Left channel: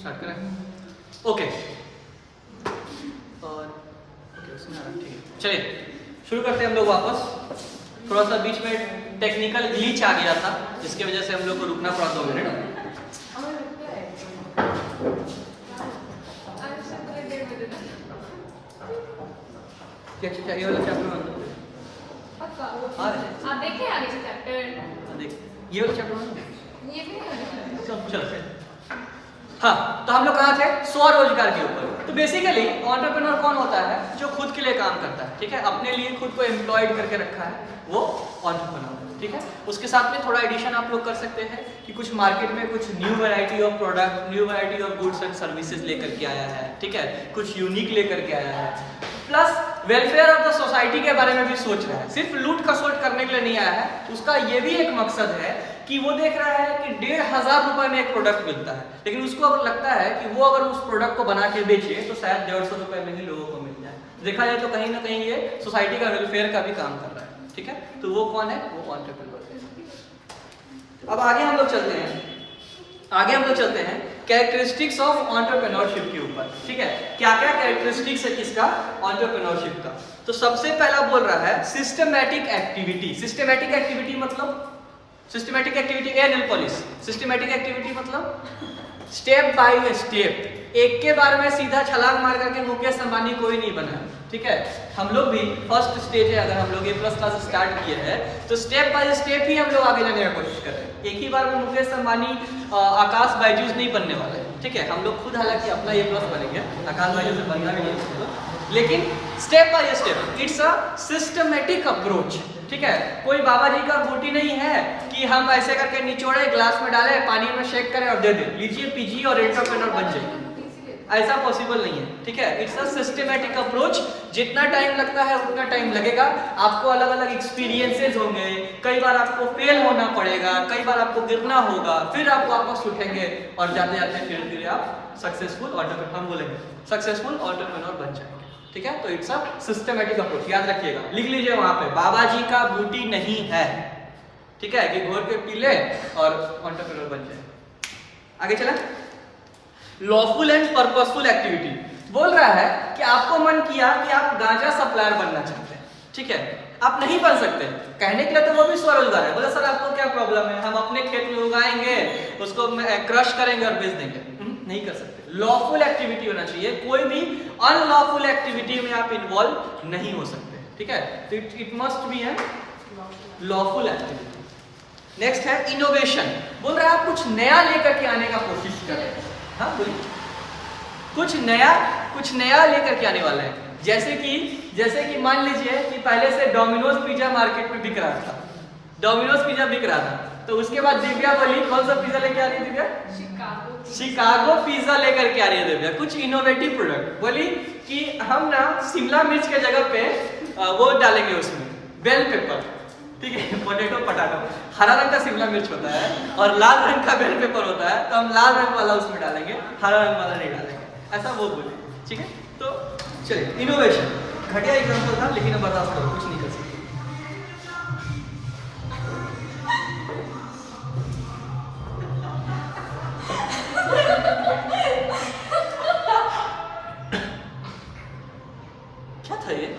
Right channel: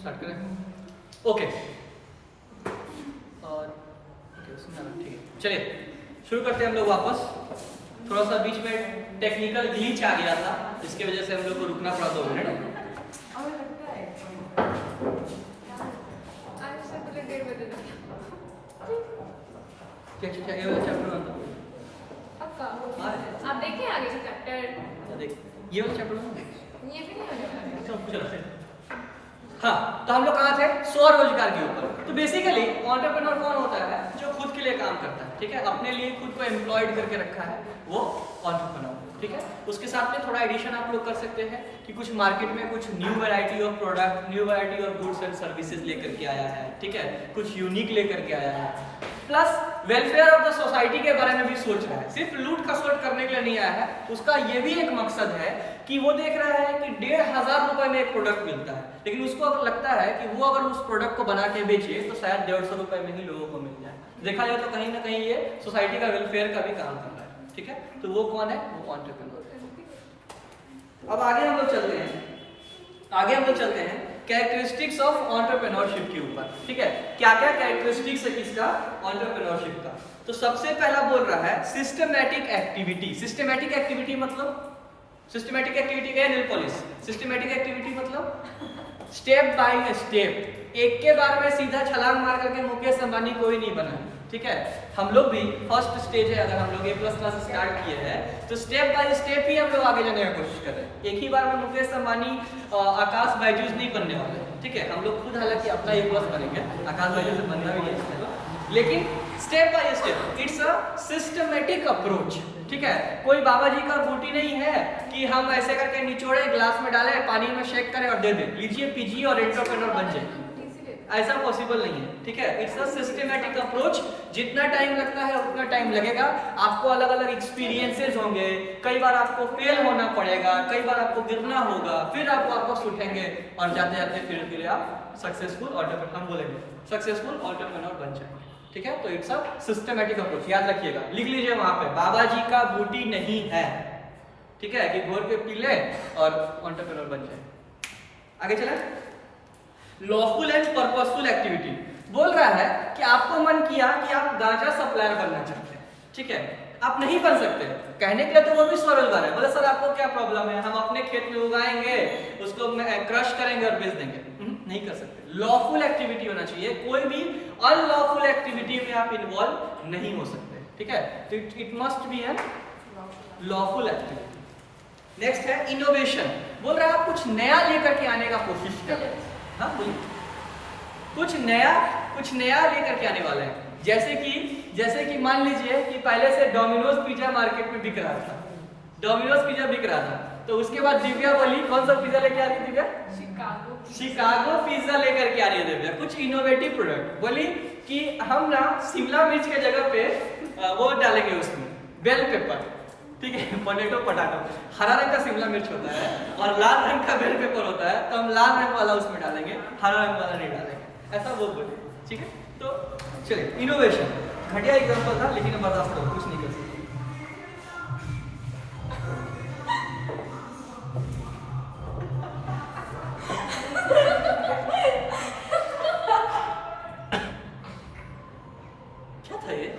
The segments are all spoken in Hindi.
स्टार्ट करें? ओके और ओके उसमें ठीक है, चलिए शुरू करते हैं हम लोग वापस। थोड़ा सा बीच में टेक्निकल ग्लिच आ गया था जिसकी वजह से हम लोग को रुकना पड़ा 2 मिनट। क्या ये वाला चैप्टर में आप देखिए आगे से चैप्टर, देख ये वाला चैप्टर में ये भी नहीं होने वाला। चलो हाँ, तो हम लोग कहाँ थे? स्वरोजगार के ऊपर। तो बेसिकली एंटरप्रेन्योर कौन होता है? जो खुद के लिए काम करता है, ठीक है, अपने लिए खुद को एम्प्लॉयड करके रखा है, वो एंटरप्रेन्योर, ठीक है। उसके साथ में थोड़ा एडिशन आप लोग कर सकते हैं कि कुछ मार्केट में कुछ new variety of product, new variety of goods and services लेकर के आया है, ठीक है, कुछ यूनिक लेकर के आया है, plus welfare of the society के बारे में भी सोच रहा है। सिर्फ लूट खसोट करने के लिए नहीं आया है, उसका ये भी एक मकसद है कि वो देख रहा है कि 1500 रुपए में एक प्रोडक्ट मिलता है, लेकिन उसको अगर लगता है कि वो अगर उस प्रोडक्ट को बना के बेचे तो शायद 150 रुपए में ही लोगों को मिल जाए। देखा जाए तो कहीं ना कहीं ये सोसाइटी का वेलफेयर का भी काम कर रहा है, ठीक है। तो वो कौन है? वो एंटरप्रेन्योर है। अब आगे हम लोग चलते हैं कैरेक्टरिस्टिक्स ऑफ एंटरप्रेन्योरशिप के ऊपर, ठीक है। क्या क्या कैरेक्टरिस्टिक्स है किसका? एंटरप्रेन्योरशिप का। तो सबसे पहला बोल रहा है सिस्टमैटिक एक्टिविटी। सिस्टमैटिक एक्टिविटी मतलब सिस्टमैटिक एक्टिविटी सिस्टमैटिक एक्टिविटी मतलब स्टेप बाय स्टेप, एक के बार में सीधा छलांग मार करके मुकेश अंबानी कोई नहीं बना है, ठीक है। हम लोग भी फर्स्ट स्टेज है, अगर हम लोग A+ क्लास स्टार्ट किए हैं तो स्टेप बाय स्टेप ही हम लोग आगे जाने की कोशिश कर रहे हैं। एक ही बार में मुकेश अंबानी आकाश बायजूस नहीं बनने वाले हैं, ठीक है। हम लोग खुद हालांकि अपना A+ बनेंगे, आकाश बायजूस से बनना भी नहीं, लेकिन step by step it's a systematic approach, ठीक है। कोई बाबा जी का बूटी नहीं है कि हम ऐसे करके निचोड़े, ग्लास में डालें, पानी में शेक करें और दे दें, लीजिए पीजिए और एंटरप्रेन्योर बन जाइए। ऐसा पॉसिबल नहीं है, ठीक है। It's a systematic approach. जितना टाइम लगता है उतना टाइम लगेगा, आपको अलग अलग एक्सपीरियंसेस होंगे, कई बार आपको फेल होना पड़ेगा, कई बार आपको गिरना होगा, फिर आप वापस उठेंगे और जाते जाते धीरे धीरे आप सक्सेसफुल एंटरप्रेन्योर बन जाएंगे, ठीक है। तो इट्स अ सिस्टमैटिक अप्रोच, याद रखिएगा, लिख लीजिए वहां पे, बाबा जी का बूटी नहीं है, ठीक है, कि घोर के पी ले और एंटरप्रेन्योर बन जाए। आगे चला। लॉफुल एंड पर्पसफुल एक्टिविटी बोल रहा है कि आपको मन किया कि आप गांजा सप्लायर बनना चाहते हैं, ठीक है, आप नहीं बन सकते, कहने के लिए तो वो भी स्वरोजगार है। बोले सर आपको क्या प्रॉब्लम है, हम अपने खेत में उगाएंगे, उसको क्रश करेंगे और बेच देंगे, नहीं कर सकते। लॉफुल एक्टिविटी होना चाहिए, कोई भी अनलॉफुल एक्टिविटी में आप इन्वॉल्व नहीं हो सकते, ठीक है। तो it must be an lawful activity. Next है इनोवेशन। बोल रहा है आप कुछ नया लेकर के आने का कोशिश करें। हाँ बोलिए, कुछ नया लेकर के आने वाला है। जैसे कि मान लीजिए कि पहले से डोमिनोज पिज्जा मार्केट में बिक रहा था, डोमिनोज पिज्जा बिक रहा था, तो उसके बाद दिव्या बोली कौन सा पिज्जा लेके आ रही है दिव्या? शिकागो पिज्जा लेकर के आ रही है दिव्या, कुछ इनोवेटिव प्रोडक्ट। बोली कि हम ना शिमला मिर्च के जगह पे वो डालेंगे उसमें बेल पेपर, ठीक है, पोटैटो, हरा रंग का शिमला मिर्च होता है और लाल रंग का बेल पेपर होता है, तो हम लाल रंग वाला उसमें डालेंगे, हरा रंग वाला नहीं डालेंगे, ऐसा वो बोले, ठीक है। तो चलिए, इनोवेशन घटिया एग्जांपल था, लेकिन बर्दाश्त करो, कुछ नहीं कर सकते। क्या था ये?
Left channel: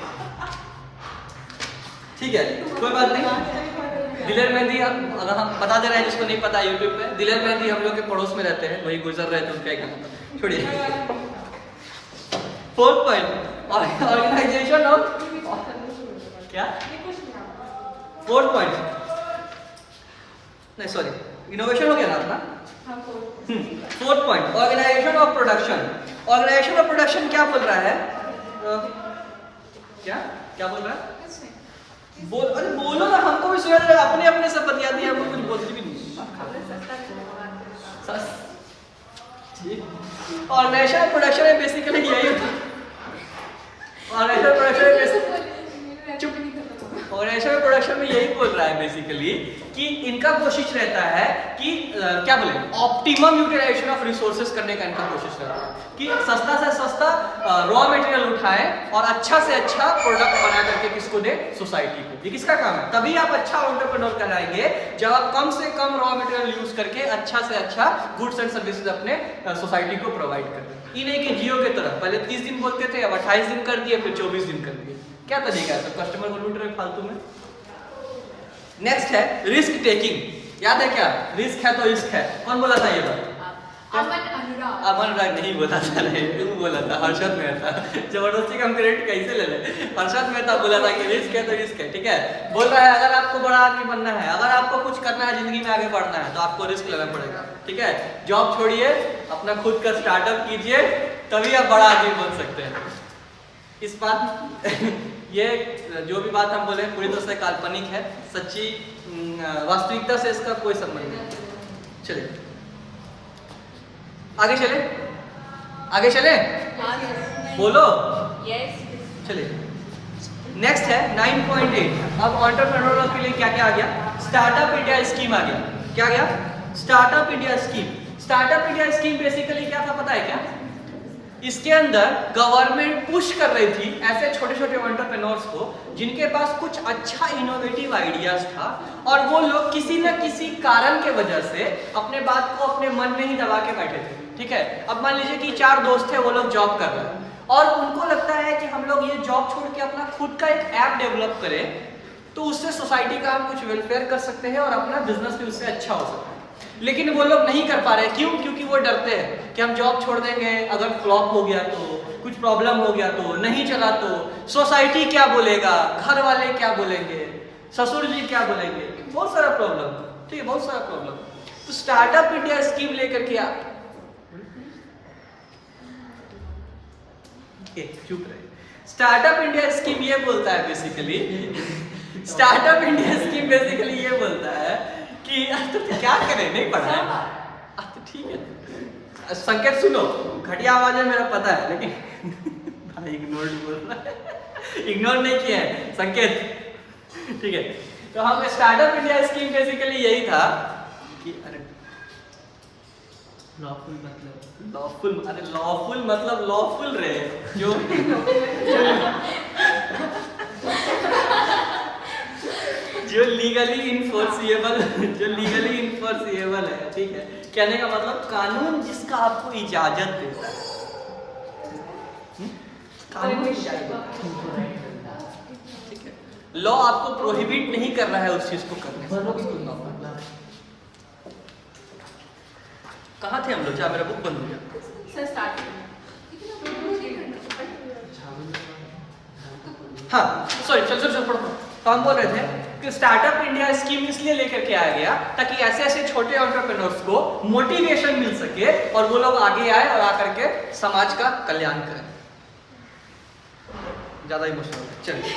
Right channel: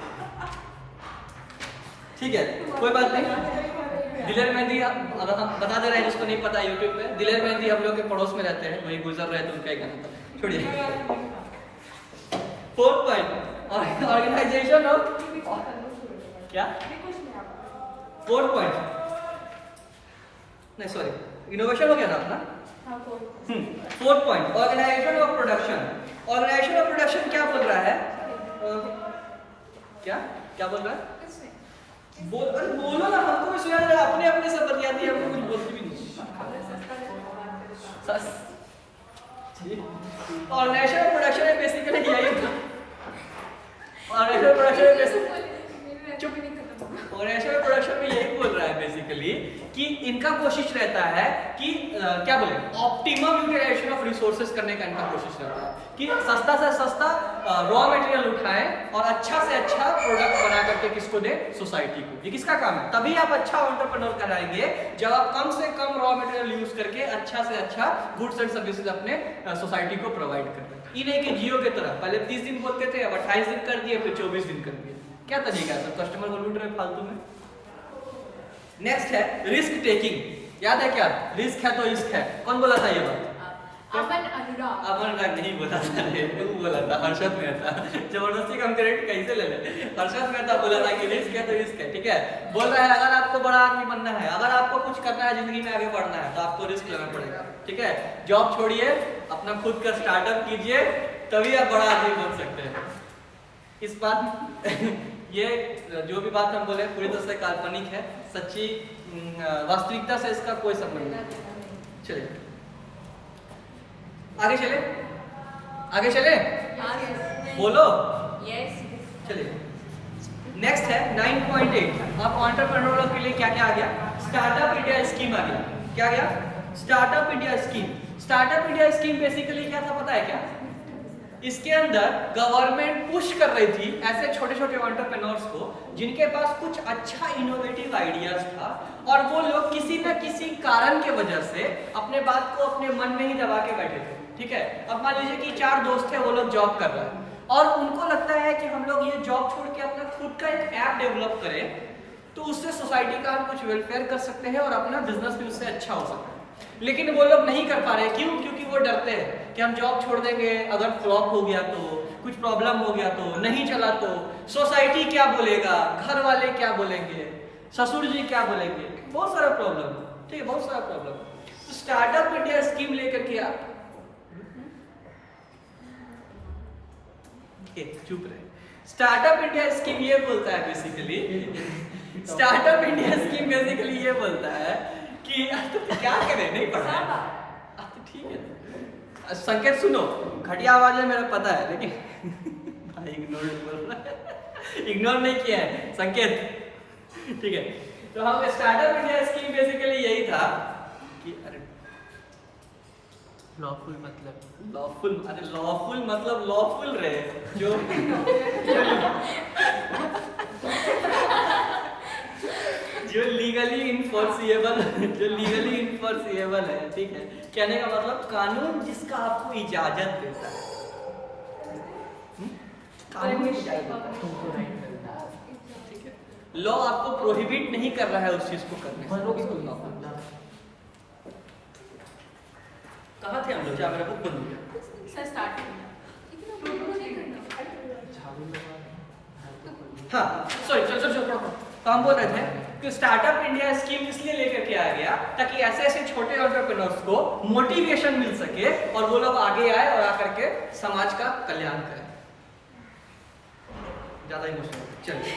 ठीक है, कोई बात नहीं। दिलेर मेहंदी, अगर हम बता दे रहे हैं जिसको नहीं पता यूट्यूब पे, दिलेर मेहंदी हम लोग के पड़ोस में रहते हैं, वही गुजर रहे थे, उनका एक गाना था, छोड़िए। 4 पॉइंट ऑर्गेनाइजेशन ऑफ क्या 4 पॉइंट नहीं सॉरी इनोवेशन हो गया ना अपना। 4 point organisation of production. Organisation of production क्या बोल रहा है? क्या बोल रहा है? अरे बोलो ना, हमको भी सुना जाए, अपने अपने सब बतियाती है, हमको कुछ बोलती भी नहीं। ऑर्गेनाइजेशन प्रोडक्शन है बेसिकली यही होता है। ऑर्गेनाइजेशन प्रोडक्शन है बेसिकली चुप ऑर्गेनाइजेशन और प्रोडक्शन में यही बोल रहा है बेसिकली कि इनका कोशिश रहता है कि क्या बोले ऑप्टिमम यूटिलाइजेशन ऑफ रिसोर्सेज करने का इनका कोशिश रहता है कि सस्ता से सस्ता रॉ मटेरियल उठाएं और अच्छा से अच्छा प्रोडक्ट बना करके किसको दे, सोसाइटी को। ये किसका काम है? तभी आप अच्छा एंटरप्रेन्योर कहलाएंगे जब आप कम से कम रॉ मटेरियल यूज करके अच्छा से अच्छा गुड्स एंड सर्विसेज अपने सोसाइटी को प्रोवाइड कर रहे हैं। ये नहीं कि जियो की तरह पहले 30 दिन बोलते थे, अब 28 दिन कर दिए, फिर 24 दिन कर दिए। क्या तरीका है? सब कस्टमर को लूट रहे फालतू में। नेक्स्ट है रिस्क टेकिंग। याद है क्या? रिस्क है तो रिस्क है। कौन बोला था ये बात? अमन अनुराग। अमन अनुराग नहीं बोला था, तू बोला था, हर्षद मेहता। जबरदस्ती का हम क्रेडिट कैसे ले ले? हर्षद मेहता बोला था कि रिस्क है तो रिस्क है। ठीक है, बोल रहा है अगर आपको बड़ा आदमी बनना है, अगर आपको कुछ करना है जिंदगी में आगे बढ़ना है तो आपको रिस्क लेना पड़ेगा। ठीक है, जॉब छोड़िए, अपना खुद का स्टार्टअप कीजिए, तभी आप बड़ा आदमी बन सकते हैं। इस बात ये जो भी बात हम बोले पूरी तरह से काल्पनिक है, सच्ची वास्तविकता से इसका कोई संबंध नहीं। चलिए आगे चले, आगे चले, बोलो। यस। चलिए नेक्स्ट है 9.8। अब एंटरप्रेन्योर के लिए क्या क्या आ गया? स्टार्टअप इंडिया स्कीम आ गया। क्या गया? Startup India scheme. Startup India scheme basically क्या था पता है क्या? इसके अंदर गवर्नमेंट पुश कर रही थी ऐसे छोटे छोटे एंटरप्रेन्योर्स को जिनके पास कुछ अच्छा इनोवेटिव आइडियाज था और वो लोग किसी न किसी कारण के वजह से अपने बात को अपने मन में ही दबा के बैठे थे। ठीक है, अब मान लीजिए कि 4 दोस्त थे, वो लोग जॉब कर रहे हैं और उनको लगता है कि हम लोग ये जॉब छोड़ के अपना खुद का एक ऐप डेवलप करें तो उससे सोसाइटी का हम कुछ वेलफेयर कर सकते हैं और अपना बिजनेस भी उससे अच्छा हो सकता है। लेकिन वो लोग नहीं कर पा रहे। क्यों? क्योंकि वो डरते हैं कि हम जॉब छोड़ देंगे, अगर फ्लॉप हो गया तो, कुछ प्रॉब्लम हो गया तो, नहीं चला तो, सोसाइटी क्या बोलेगा, घर वाले क्या बोलेंगे, ससुर जी क्या बोलेंगे, बहुत सारा प्रॉब्लम। ठीक है, बहुत सारा प्रॉब्लम। तो स्टार्टअप इंडिया स्कीम लेकर के आप चुप रहे। स्टार्टअप इंडिया स्कीम ये बोलता है basically, startup India scheme basically ये बोलता है कि तो क्या करें, नहीं पढ़ा है तो ठीक है। संकेत सुनो, घटिया आवाज है मेरा पता है, लेकिन भाई इग्नोर्ड बोल रहा है, इग्नोर नहीं किया है संकेत। ठीक है, तो हम स्टार्टअप इंडिया स्कीम बेसिकली यही था कि अरे लॉफुल मतलब लॉफुल, अरे लॉफुल मतलब लॉफुल रहे जो जो लीगली इन्फोर्सिएबल, जो लीगली इन्फोर्सिएबल है। ठीक है, कहने का मतलब कानून जिसका आपको इजाजत देता है, कानून इजाजत देता है। ठीक है, लॉ आपको प्रोहिबिट नहीं कर रहा है उस चीज को करने से। कहाँ थे हम लोग? जहाँ मेरा बुक बंद हो गया। Sir start. हाँ सॉरी, चल पढ़ो। तो हम बोल रहे थे कि स्टार्टअप इंडिया स्कीम इसलिए लेकर के आया गया ताकि ऐसे ऐसे छोटे एंटरप्रेन्योर्स को मोटिवेशन मिल सके और वो लोग आगे आए और आकर के समाज का कल्याण करें। ज्यादा इमोशनल चलिए।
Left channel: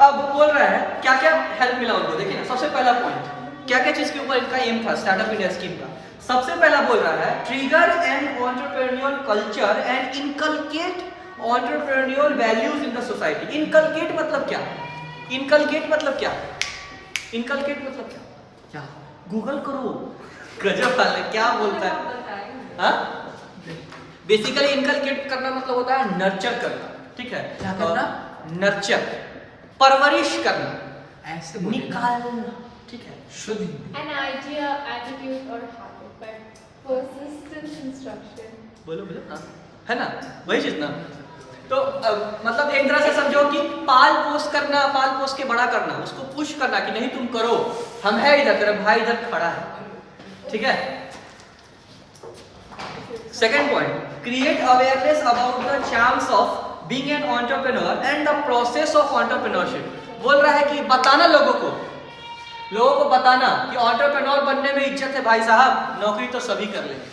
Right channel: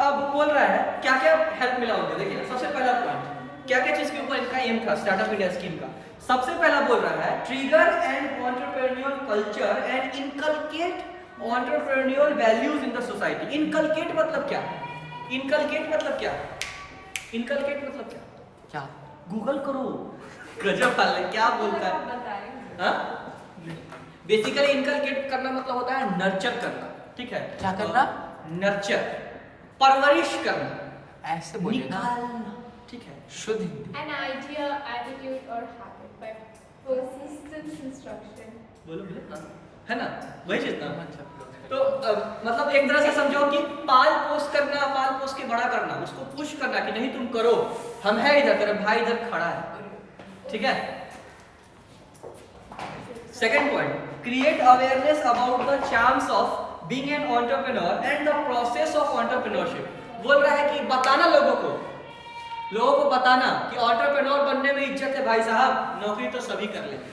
अब बोल रहा है क्या क्या हेल्प मिला उनको। देखिए ना, सबसे पहला पॉइंट क्या क्या चीज के ऊपर इनका एम था स्टार्टअप इंडिया स्कीम का। सबसे पहला बोल रहा है trigger and entrepreneur culture and inculcate entrepreneur values in the society. Inculcate मतलब क्या? इनकलकेट मतलब क्या? इनकलकेट मतलब क्या? क्या गूगल करो, गजब वाला क्या बोलता है। हाँ, बेसिकली इनकलकेट करना मतलब होता है नर्चर करना। ठीक है, क्या करना? नर्चर, परवरिश करना, ऐसे निकालना। ठीक है, शुद्ध Hindi. An idea, attitude or habit by persistent instruction. बोलो बोलो। हाँ, है ना, वही चीज ना। तो मतलब एक तरह से समझो कि पाल पोस करना, पाल पोस के बड़ा करना, उसको पुश करना कि नहीं तुम करो, हम है इधर, तेरा भाई इधर खड़ा है। ठीक है, second point, create awareness about the charms of being an entrepreneur and the process of entrepreneurship. बोल रहा है कि बताना लोगों को बताना कि एंटरप्रेन्योर बनने में इज्जत है भाई साहब, नौकरी तो सभी कर लेंगे।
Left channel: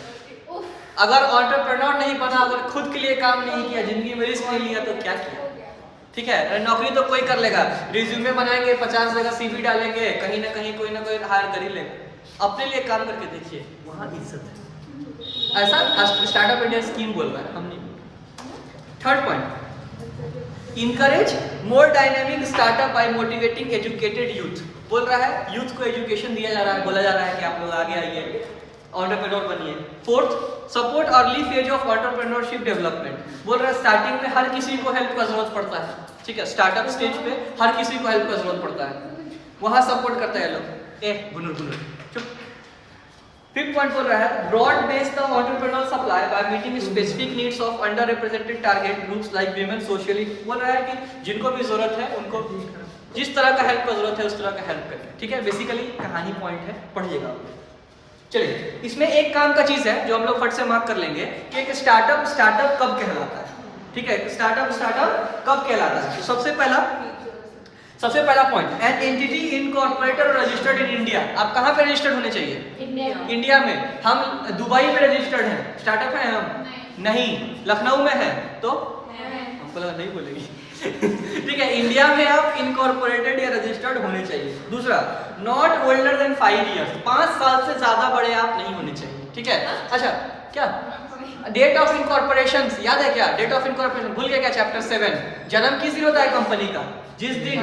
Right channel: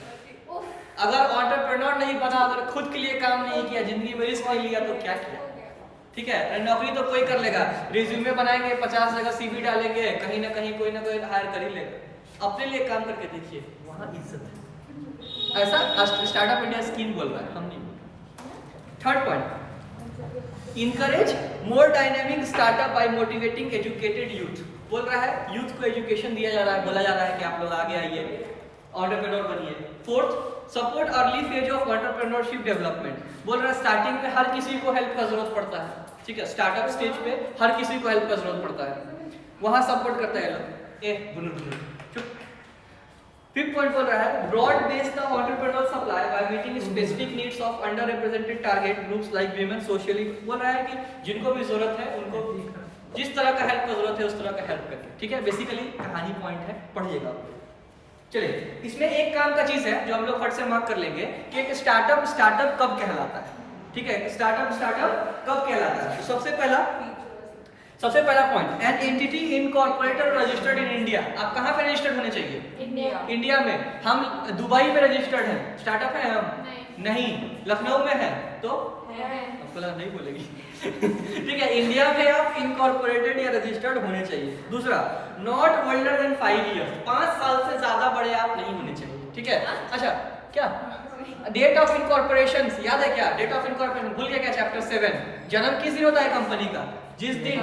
अगर एंटरप्रेन्योर नहीं बना, अगर खुद के लिए काम नहीं किया, जिंदगी में रिस्क नहीं लिया तो क्या किया। ठीक है, नौकरी तो कोई कर लेगा, रिज्यूमे बनाएंगे, 50 जगह सीवी डालेंगे, कहीं ना कहीं कोई ना कोई हायर कर ही लेगा। अपने लिए काम करके देखिए, वहां इज्जत है। ऐसा स्टार्टअप इंडिया स्कीम बोल रहा है, हम नहीं बोल रहे। Third point, encourage more dynamic startup by motivating educated youth. बोल रहा है यूथ को एजुकेशन दिया जा रहा है, बोला जा रहा है कि आप लोग आगे आइए, एंटरप्रेन्योर बनिए। Fourth, support early phase of entrepreneurship development. बोल रहा है स्टार्टिंग में हर किसी को हेल्प का जरूरत पड़ता है, ठीक है, स्टार्टअप स्टेज पे हर किसी को हेल्प का जरूरत पड़ता है, वहां सपोर्ट करते हैं लोग। बुनुर चुप। फिफ्थ पॉइंट बोल रहा है broad base the entrepreneur supply by meeting specific needs of under represented target groups like women socially. बोल रहा है कि जिनको भी जरूरत है उनको जिस तरह का हेल्प का जरूरत है उस तरह का हेल्प करें, ठीक है। बेसिकली कहानी पॉइंट है, पढ़िएगा आप। चलिए, इसमें एक काम का चीज है जो हम लोग फट से मार्क कर लेंगे कि एक स्टार्टअप कब कहलाता है, ठीक है। स्टार्टअप कब कहलाता है? सबसे पहला पॉइंट, एन एंटिटी इनकॉर्पोरेटेड और रजिस्टर्ड इन इंडिया। आप कहाँ पे रजिस्टर्ड होने चाहिए? इंडिया में। हम दुबई में रजिस्टर्ड हैं, स्टार्टअप है हम नहीं। लखनऊ में है तो हमको लगा नहीं बोलेगी ठीक है, इंडिया में आप इनकॉर्पोरेटेड या रजिस्टर्ड होने चाहिए। दूसरा, नॉट ओल्डर देन 5 इयर्स, 5 साल से ज्यादा बड़े आप नहीं होने चाहिए, ठीक है। अच्छा, क्या डेट ऑफ इनकॉर्पोरेशन याद है? क्या डेट ऑफ इनकॉर्पोरेशन भूल गया क्या? चैप्टर 7। जन्म किस दिन होता है कंपनी का? जिस दिन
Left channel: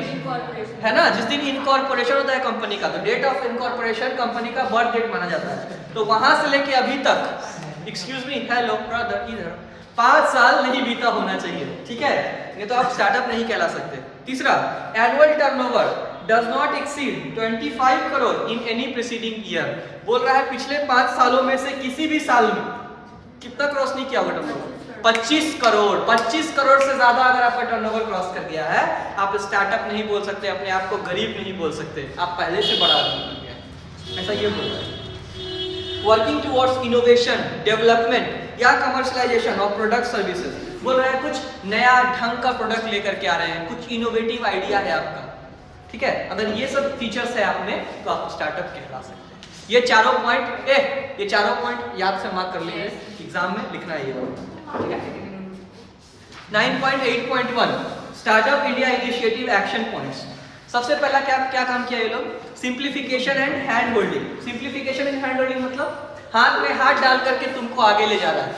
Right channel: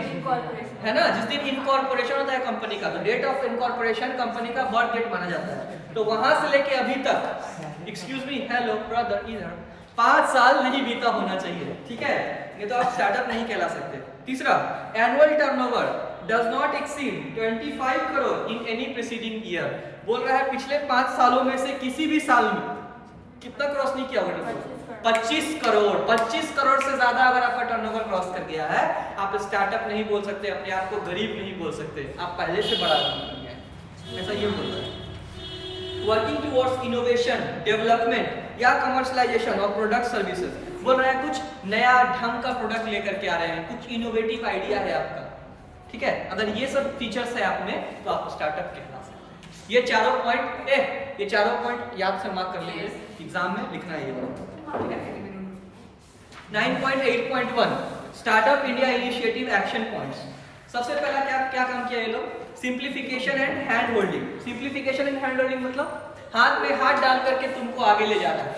है ना, जिस दिन इनकॉर्पोरेशन होता है कंपनी का, तो डेट ऑफ इनकॉर्पोरेशन कंपनी का बर्थ डेट माना जाता है। तो वहां से लेके अभी तक, एक्सक्यूज मी, हेलो ब्रदर, इधर 5 साल नहीं बीता होना चाहिए, ठीक है। ये तो आप स्टार्टअप नहीं कहला सकते। तीसरा, annual turnover does not exceed 25 crore in any preceding year. बोल रहा है पिछले 5 सालों में से किसी भी साल में कितना क्रॉस नहीं किया होगा टर्नओवर? 25 करोड़। 25 करोड़ से ज्यादा अगर आपका टर्नओवर क्रॉस कर गया है, आप स्टार्टअप नहीं बोल सकते, अपने आप को गरीब नहीं बोल सकते, आप पहले से बड़ा आदमी बन गए, ऐसा ये बोल रहा है। वर्किंग टुवर्ड्स इनोवेशन, डेवलपमेंट या कमर्शियलाइजेशन ऑफ प्रोडक्ट सर्विसेज। बोल रहा है कुछ नया ढंग का प्रोडक्ट लेकर के आ रहे हैं, कुछ इनोवेटिव आइडिया है आपका, ठीक है। अगर ये सब फीचर्स है आप में तो आप स्टार्टअप कहला सकते हैं। ये चारों पॉइंट याद से मार्क कर लीजिए, एग्जाम में लिखना है ये। 9.8.1 startup India initiative action points. सबसे पहला क्या काम किया ये लोग? Simplification and hand holding. Simplification and hand holding मतलब हाथ में हाथ डाल करके तुमको आगे ले जा रहा है,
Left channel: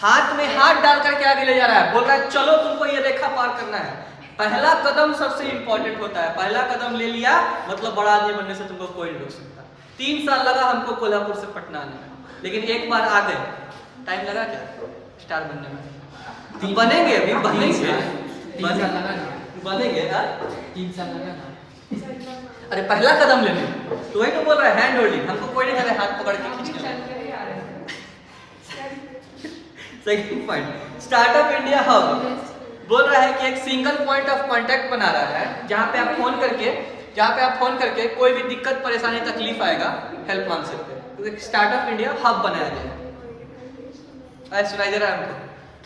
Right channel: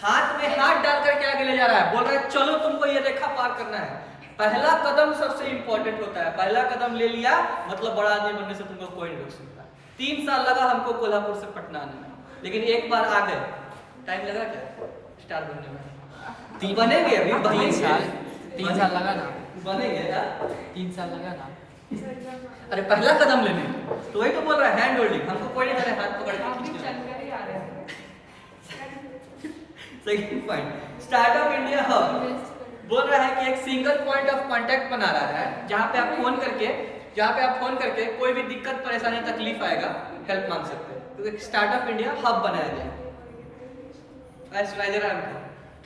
हाथ में हाथ डाल करके आगे ले जा रहा है। बोल रहा है चलो तुमको ये रेखा पार करना है। पहला कदम सबसे इंपॉर्टेंट होता है, पहला कदम ले लिया मतलब बड़ा आदमी बनने से तुमको कोई नहीं रोक सकता। 3 साल लगा हमको कोल्हापुर से पटना आने में, लेकिन एक बार आ गए। टाइम लगा क्या स्टार बनने में? बनेंगे, अभी बनेंगे। 3 साल लगा ना, बनेंगे यार, 3 साल लगा ना। अरे पहला कदम लेने, तो वही तो बोल रहा है हैंड होल्डिंग। हमको कोई नहीं करे हाथ पकड़ के खींच के। Second point, startup India hub. बोल रहा है कि एक सिंगल पॉइंट ऑफ कांटेक्ट बना रहा है जहां पे आप फोन करके कोई भी दिक्कत परेशानी तकलीफ आएगा हेल्प मांग सकते हैं। तो एक स्टार्टअप इंडिया हब बनाया गया है। सुनाई दे रहा है हमको?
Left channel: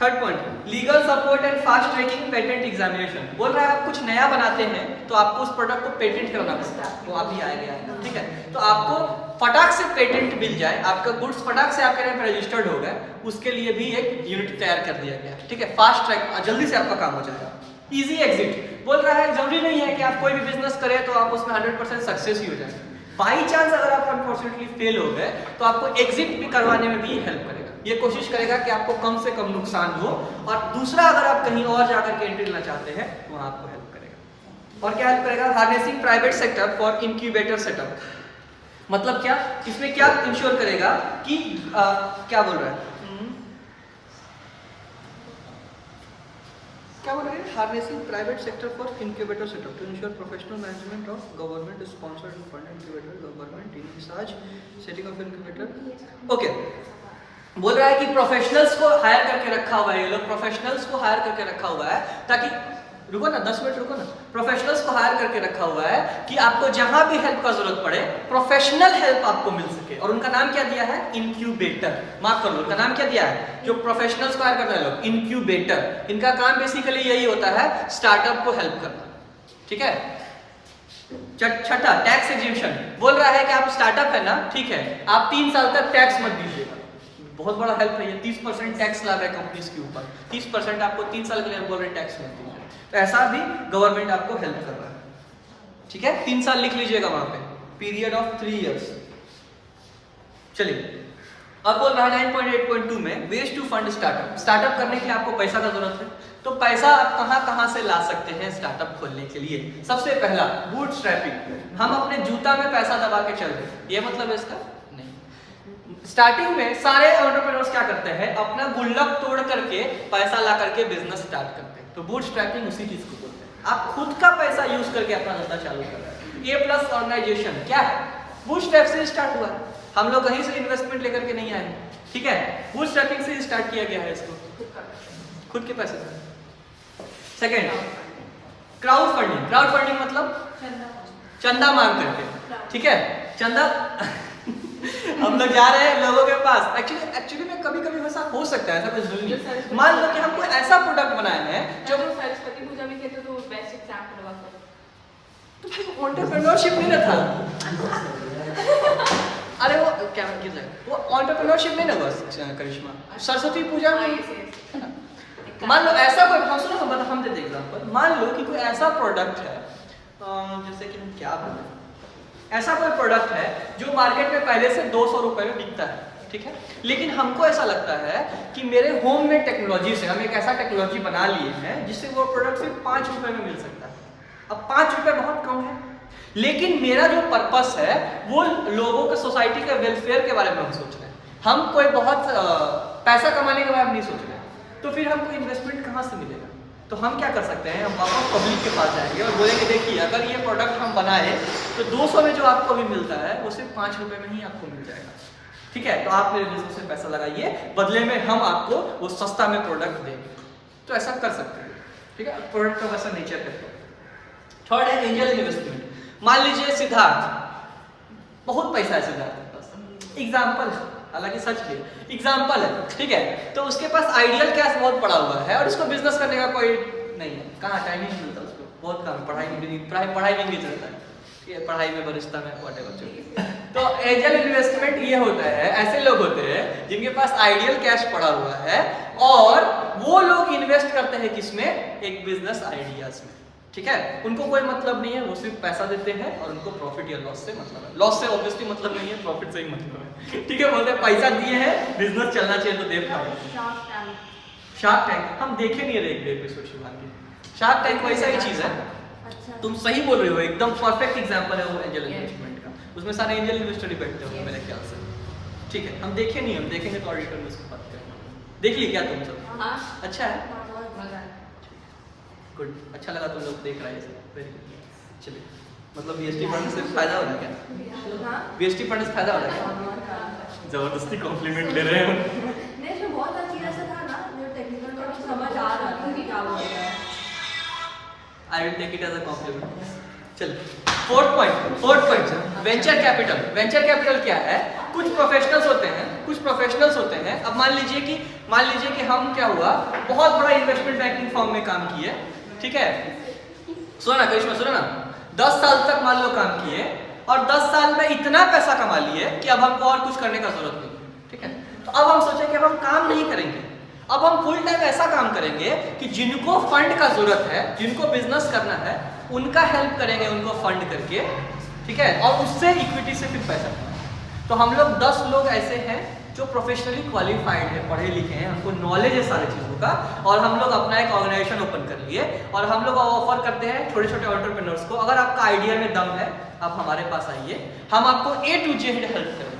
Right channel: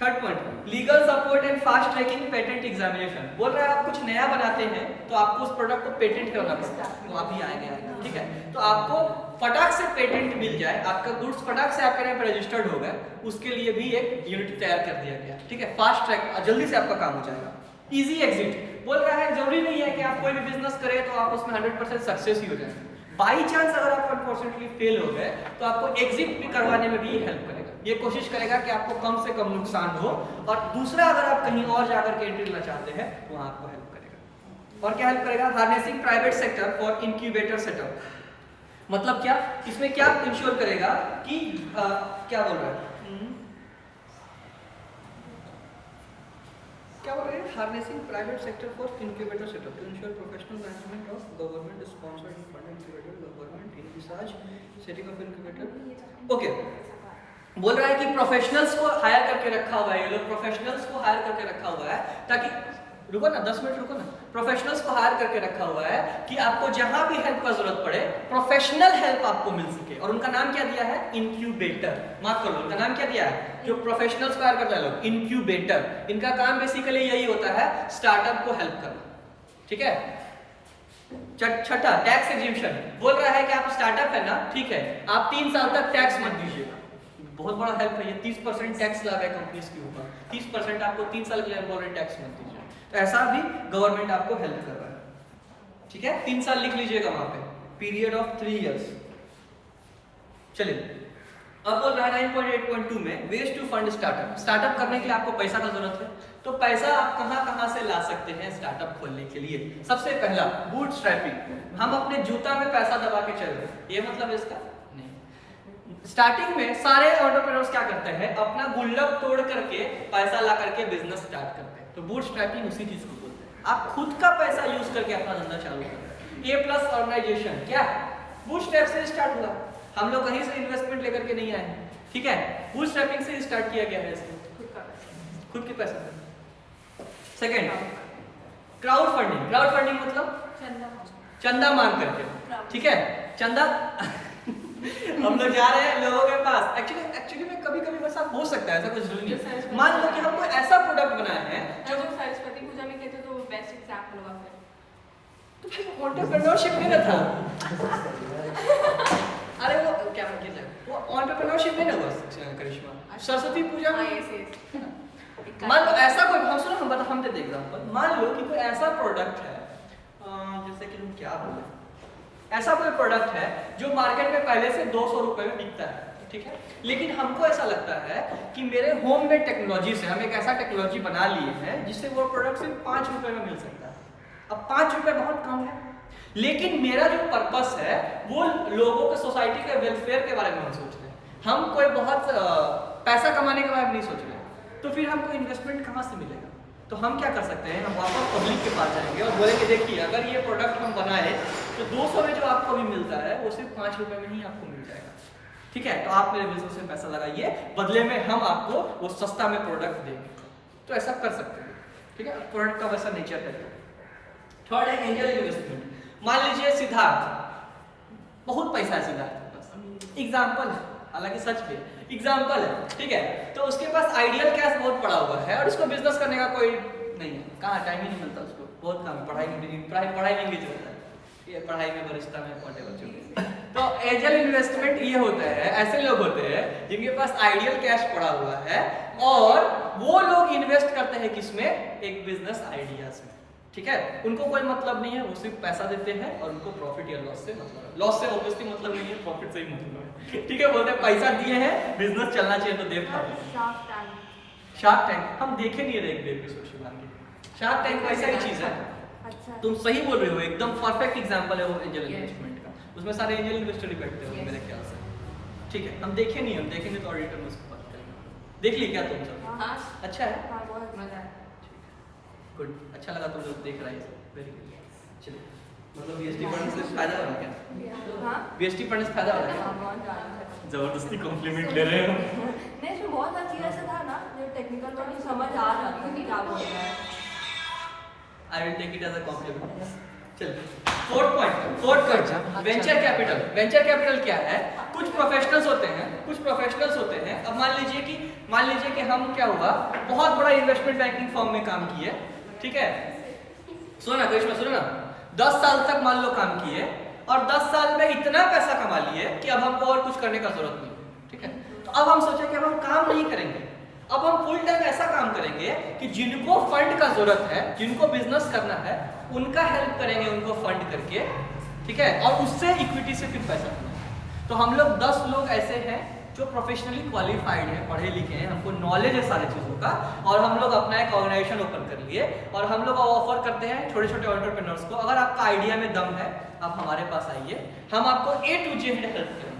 Third point, legal support and fast tracking patent examination. बोल रहा है आप कुछ नया बनाते हैं तो आपको उस प्रोडक्ट को पेटेंट करना पड़ता है, वो अभी आएगा, ठीक है। तो आपको फटाक से पेटेंट मिल जाए, आपका गुड्स फटाक से आपके नाम पे रजिस्टर्ड हो गए, उसके लिए भी एक यूनिट तैयार कर दिया गया, ठीक है। फास्ट ट्रैक, जल्दी से आपका काम हो जाएगा। Easy exit. बोल रहा है जरूरी नहीं है कि आप कोई भी बिजनेस करें तो आप उसमें 100% सक्सेस ही हो जाएंगे। बाई चांस अगर आप अनफॉर्चुनेटली फेल हो गए तो आपको एग्जिट भी करवाने में भी हेल्प करेगा। ये कोशिश करेगा कि आपको कम से कम नुकसान हो, और दूसरा अगर आप कहीं और जाकर के एंट्री लेना चाहते हैं तो वहां आपको हेल्प करेगा। और क्या हेल्प करेगा? Harnessing private sector for incubator setup. मतलब क्या? इसमें क्या इंश्योर करेगा कि क्या बोल रहा है? क्या बोल रहे हैं? Harnessing private sector for incubator setup to ensure professional management of government sponsored fund incubator, government research, setting of incubator. Okay, बोल रहा है कि प्रोफेशनल्स को हायर करके रखा हुआ है, ये लोग प्रोफेशनल्स को हायर करके रखा हुआ है ताकि, रुको ना 10 मिनट रुको ना, प्रोफेशनल्स को हायर करके रखा हुआ है कि आपको जहां भी हेल्प का जरूरत पड़े प्रोफेशनल हेल्प आपको मिल सके। और उनका नाम क्या दिया है? इंक्यूबेटर। माफ करो, उनका नाम क्या दिया है? जो प्रोफेशनल्स को हायर करता है लोग, इंक्यूबेटर। इनका काम बेसिकली यही होता है, स्टार्टअप को हेल्प करना, ठीक है। छठा, टैक्स एग्जिबिशन। बोल रहा है कि आप स्टार्टअप है ना, ठीक है, आप 3 साल तक टैक्स मत दीजिएगा। बहुत बड़ा हेल्प है ये। 30% टैक्स ला रहा है कंपनीज के ऊपर, 30% आपको 3 साल के लिए बोल रहे टैक्स मत दीजिए। तो ऐसा भी गवर्नमेंट आपको हेल्प कर रहा है, ठीक है। 3 साल लिख लीजिएगा वहां पे, पीरियड ऑफ 3 इयर्स। चलिए अब बोल रहा है 9.8.2 में ways to fund startup. Startup करने के लिए आपको पैसा का जरूरत है, तो पैसा आप कहां से ला सकते हैं स्टार्टअप खोलने के लिए? सबसे पहला बूटस्ट्रैपिंग। हम अपने जूता में पैसा दबा के चल रहे, ये मतलब है इसका नहीं। स्टार्टिंग में सारे एंटरप्रेन्योर्स क्या करते हैं, अपना गुल्लक तोड़ करके पैसा ला करके बिजनेस स्टार्ट करते हैं। तो बूटस्ट्रैपिंग उसी चीज को बोलते हैं, आप खुद का पैसा यूज करके अपना धंधा चालू कर रहे हैं। ए प्लस ऑर्गेनाइजेशन क्या है, बूटस्ट्रैप से स्टार्ट हुआ है, हम लोग कहीं से इन्वेस्टमेंट लेकर के नहीं आए हैं, ठीक है, बूटस्ट्रैपिंग से स्टार्ट किया गया है इसको, खुद के पैसे से। Second crowd funding. Crowd funding मतलब चंदा मांग करके, ठीक है, चंदा हम लोग जा रहे हैं लोगों के पास। एक्चुअली में कभी वैसा हो सकता है, ऐसा कुछ जरूरी नहीं। मान लो कि हम कोई ऐसा प्रोडक्ट बनाए हैं जो सरस्वती पूजा में कहते तो बेस्ट एग्जांपल हुआ फिर तो भाई एंटरप्रेन्योरशिप में ना था। अरे वो क्या मतलब है, वो एंटरप्रेन्योरशिप में ना बस करिश्मा सरस्वती पूजा में। मान लो ऐसा कोई, हम सुनो हम देते एग्जांपल, मान लो कि कोई ऐसा प्रोडक्ट है, जैसे कि हम क्या बोले, ऐसा कोई प्रोडक्ट है जो मार्केट में पहले से 200 रुपए में बिकता है, ठीक है, लेकिन हमको ऐसा लगता है कि मेरे होम में टेक्नोलॉजी से हम एक ऐसा टेक्नोलॉजी बना लिए हैं जिससे वो प्रोडक्ट सिर्फ 5 रुपए में मिल सकता है। अब 5 रुपए बहुत कम है, लेकिन मेरा जो पर्पस है वो लोगों के, सोसाइटी के वेलफेयर के बारे में हम सोच रहे हैं, हम कोई बहुत पैसा कमाने के बारे में नहीं सोच रहे हैं। तो फिर हमको इन्वेस्टमेंट कहाँ से मिलेगा? तो हम क्या कर सकते हैं, हम वापस पब्लिक के पास जाएंगे और बोलेंगे देखिए अगर ये प्रोडक्ट हम बनाए तो 200 में जो आपको भी मिलता है वो सिर्फ 5 रुपए में ही आपको मिल जाएगा, ठीक है, तो आप मेरे बिजनेस में पैसा लगाइए, बदले में हम आपको वो सस्ता में प्रोडक्ट देंगे। तो ऐसा कर सकते हैं, ठीक है, प्रोडक्ट का वैसा नेचर है। थर्ड है एंजल इन्वेस्टमेंट। मान लीजिए सिद्धार्थ, बहुत पैसा है सिद्धार्थ के पास, एग्जाम्पल है, हालांकि सच भी एग्जाम्पल है, ठीक है, तो उसके पास आइडियल कैश बहुत पड़ा हुआ है और उसको बिजनेस करने का कोई नहीं है, कहाँ टाइम ही नहीं मिलता उसको, बहुत काम, पढ़ाई नहीं चलता है, ये पढ़ाई में बरिश्ता में व्हाटएवर। तो एंजल इन्वेस्टमेंट ये होता है, ऐसे लोग होते हैं जिनके पास आइडियल कैश पड़ा हुआ है और वो लोग इन्वेस्ट करते हैं किसमें, एक बिजनेस आइडियाज में, ठीक है, उनको कोई मतलब नहीं है, वो सिर्फ पैसा देते हैं और उनको प्रॉफिट या लॉस से मतलब है। लॉस से ऑब्वियसली मतलब नहीं है, प्रॉफिट से ही मतलब है, ठीक है, बोलते हैं पैसा दिए हैं, बिजनेस चलना चाहिए तो दे पाए। शार्क टैंक हम देखे नहीं रहे, एक एपिसोड शुभांगी, शार्क टैंक को ऐसा ही चीज है, तुम सही बोल रहे हो, एकदम परफेक्ट एग्जांपल है वो एंजल इन्वेस्टमेंट का, उसमें सारे एंजल इन्वेस्टर ही बैठते होंगे मेरे ख्याल से, ठीक है, हम देखे नहीं, हम देखेंगे तो ऑडिटर में उसकी बात करेंगे। देख लिए क्या तुम सब? अच्छा है, गुड, अच्छा लगा तुम लोग देख रहे हैं सब, वेरी गुड। चलिए, मतलब बीएसटी पढ़ने से फायदा हो रहा है क्या? बीएसटी पढ़ने से फायदा हो रहा है क्या? जबरदस्ती कॉम्प्लीमेंट ले रहे हो। नहीं, इसमें बहुत अच्छी ऐसा था ना, जो टेक्निकल वर्ड समझ आ रहा था कि क्या बोल रहा है। I will take it as a compliment. चलिए, fourth point venture capital. Venture capital क्या है? कुछ प्रोफेशनल्स होते हैं, अब मान लीजिए कि हम क्या हुआ, बहुत बड़ा इन्वेस्टमेंट बैंकिंग फर्म में काम किए, ठीक है, सुनो ना 10 साल तक मान लो काम किए और 10 साल में इतना पैसा कमा लिए कि अब हमको और कुछ करने का जरूरत नहीं, ठीक है, तो अब हम सोचे कि अब हम काम नहीं करेंगे, अब हम फुल टाइम ऐसा काम करेंगे कि जिनको फंड का जरूरत है, जिनको बिजनेस करना है, उनका हेल्प करेंगे, उनको फंड करके, ठीक है, और उससे इक्विटी से फिर पैसा कमाएंगे। तो हम लोग 10 लोग ऐसे हैं जो प्रोफेशनली क्वालिफाइड है, पढ़े लिखे हैं, हमको नॉलेज है सारी चीज़ों का, और हम लोग अपना एक ऑर्गेनाइजेशन ओपन कर लिए और हम लोग ऑफर करते हैं छोटे छोटे एंटरप्रेन्योर्स को, अगर आपका आइडिया में दम है आप हमारे पास आइए, हम आपको A to Z हेल्प करेंगे,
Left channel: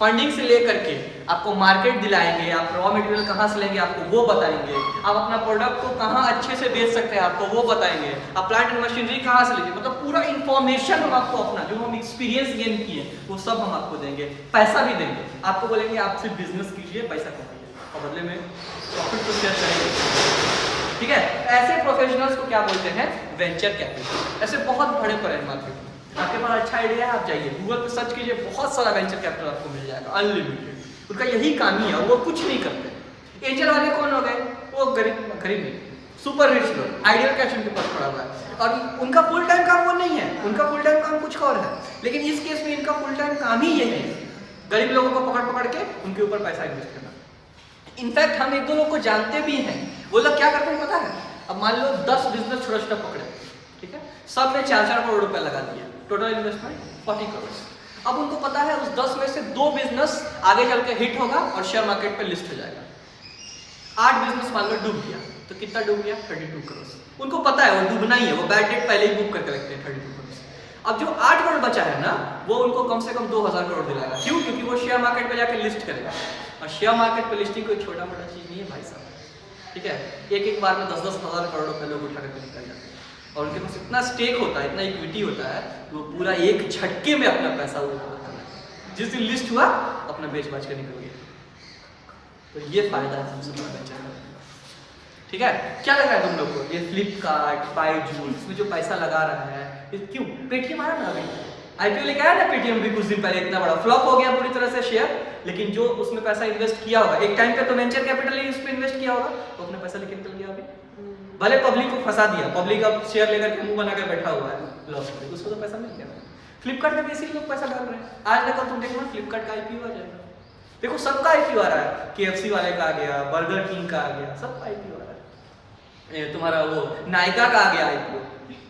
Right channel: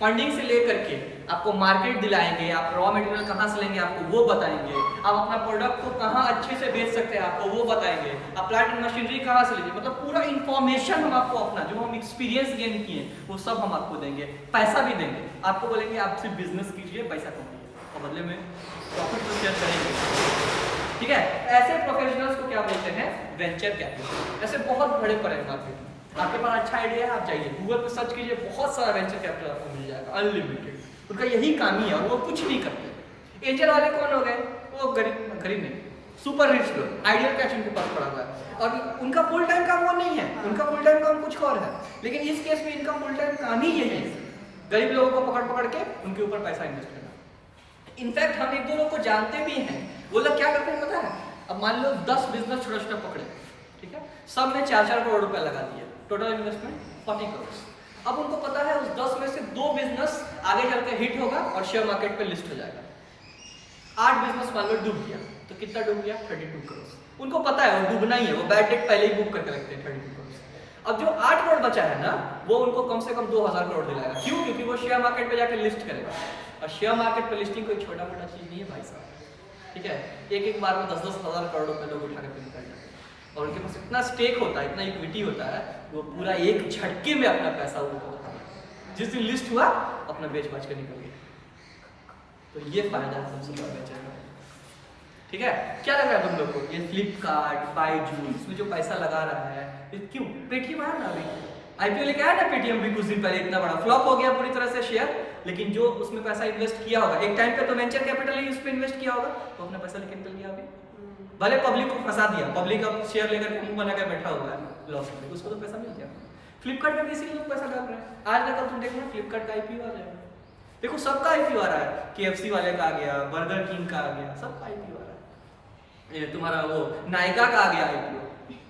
फंडिंग से लेकर के आपको मार्केट दिलाएंगे, आप रॉ मटेरियल कहाँ से लेंगे आपको वो बताएंगे, आप अपना प्रोडक्ट को कहाँ अच्छे से बेच सकते हैं आपको वो बताएंगे, आप प्लांट एंड मशीनरी कहाँ से लीजिए, मतलब पूरा इन्फॉर्मेशन हम आपको अपना जो हम एक्सपीरियंस गेन किए वो सब हम आपको देंगे, पैसा भी देंगे, आपको बोलेंगे आप सिर्फ बिजनेस कीजिए, पैसा कमाइए और बदले में प्रॉफिट तो शेयर करेंगे, ठीक है। ऐसे प्रोफेशनल्स को क्या बोलते हैं, वेंचर कैपिटल। ऐसे बहुत बड़े पड़े हैं मार्केट में, आपके पास अच्छा आइडिया है, आप जाइए गूगल पे सर्च कीजिए, बहुत सारा वेंचर कैपिटल आपको मिल जाएगा, अनलिमिटेड, उनका यही काम ही है और वो कुछ नहीं करते। एंजल वाले कौन हो गए, वो गरीब नहीं, सुपर रिच लोग, आइडियल कैश उनके पास पड़ा हुआ है और उनका फुल टाइम काम वो नहीं है, उनका फुल टाइम काम कुछ और है, लेकिन इस केस में इनका फुल टाइम काम ही यही है, गरीब लोगों को पकड़ के उनके ऊपर पैसा इन्वेस्ट करना। इनफैक्ट हम एक दो लोग को जानते भी हैं, वो लोग क्या करते हैं पता है, अब मान लो 10 बिजनेस छोटा पकड़े, ठीक है, सब में 4-4 करोड़ रुपया लगा दिया, टोटल इन्वेस्टमेंट 40 करोड़। अब उनको पता है उस 10 में से 2 बिजनेस आगे चल के हिट होगा और शेयर मार्केट पे लिस्ट हो जाएगा। 8 बिजनेस मान लो डूब गया, तो कितना डूब गया? 32 करोड़। उनको पता है वो डूबना ही है, वो बैड डेट पहले ही बुक करके रखते हैं 32 करोड़। अब जो 8 करोड़ बचा है ना, वो उनको कम से कम 2000 करोड़ दिलाएगा। क्यों? क्योंकि वो शेयर मार्केट पे जाके लिस्ट करेगा, और शेयर मार्केट पे लिस्टिंग कोई छोटा मोटा चीज नहीं है भाई साहब, ठीक है। एक बार में 10-10 हज़ार करोड़ रुपए लोग उठा करके निकल जाते हैं, और उनके पास इतना स्टेक होता है, इतना इक्विटी होता है, वो पूरा एक झटके में अपना पैसा वो कवर कर लेते हैं। जिस दिन लिस्ट हुआ अपना बेच बाच के निकल गया। तो ये फायदा है सबसे बड़ा बेचने का, ठीक है। क्या लग रहा है तुम लोग को? ये फ्लिपकार्ट, बायजूस, इसमें जो पैसा लगा रहा है, ये क्यों? पेटीएम आया ना अभी, आईपीओ लेके आया ना पेटीएम भी कुछ दिन पहले, इतना बड़ा फ्लॉप हो गया पूरी तरह से शेयर, लेकिन जो उसमें पैसा इन्वेस्ट किया होगा, एक टाइम पे तो वेंचर कैपिटल ही उस पर इन्वेस्ट किया होगा, तो अपना पैसा लेके निकल गया अभी। भले पब्लिक को फंसा दिया, पब्लिक अब शेयर लेकर के मुंह बना के बैठा हुआ है लॉस में, उसको तो पैसा मिल गया। फ्लिपकार्ट में भी इसीलिए लोग पैसा डाल रहे हैं। आज तक तुम देखो फ्लिपकार्ट का आईपीओ आ जाएगा, देखो सबका आईपीओ आ रहा है, केएफसी वाले का आ गया, बर्गर किंग का आ गया, सबका आईपीओ आ रहा है। तुम्हारा वो नायका का आ गया आईपीओ।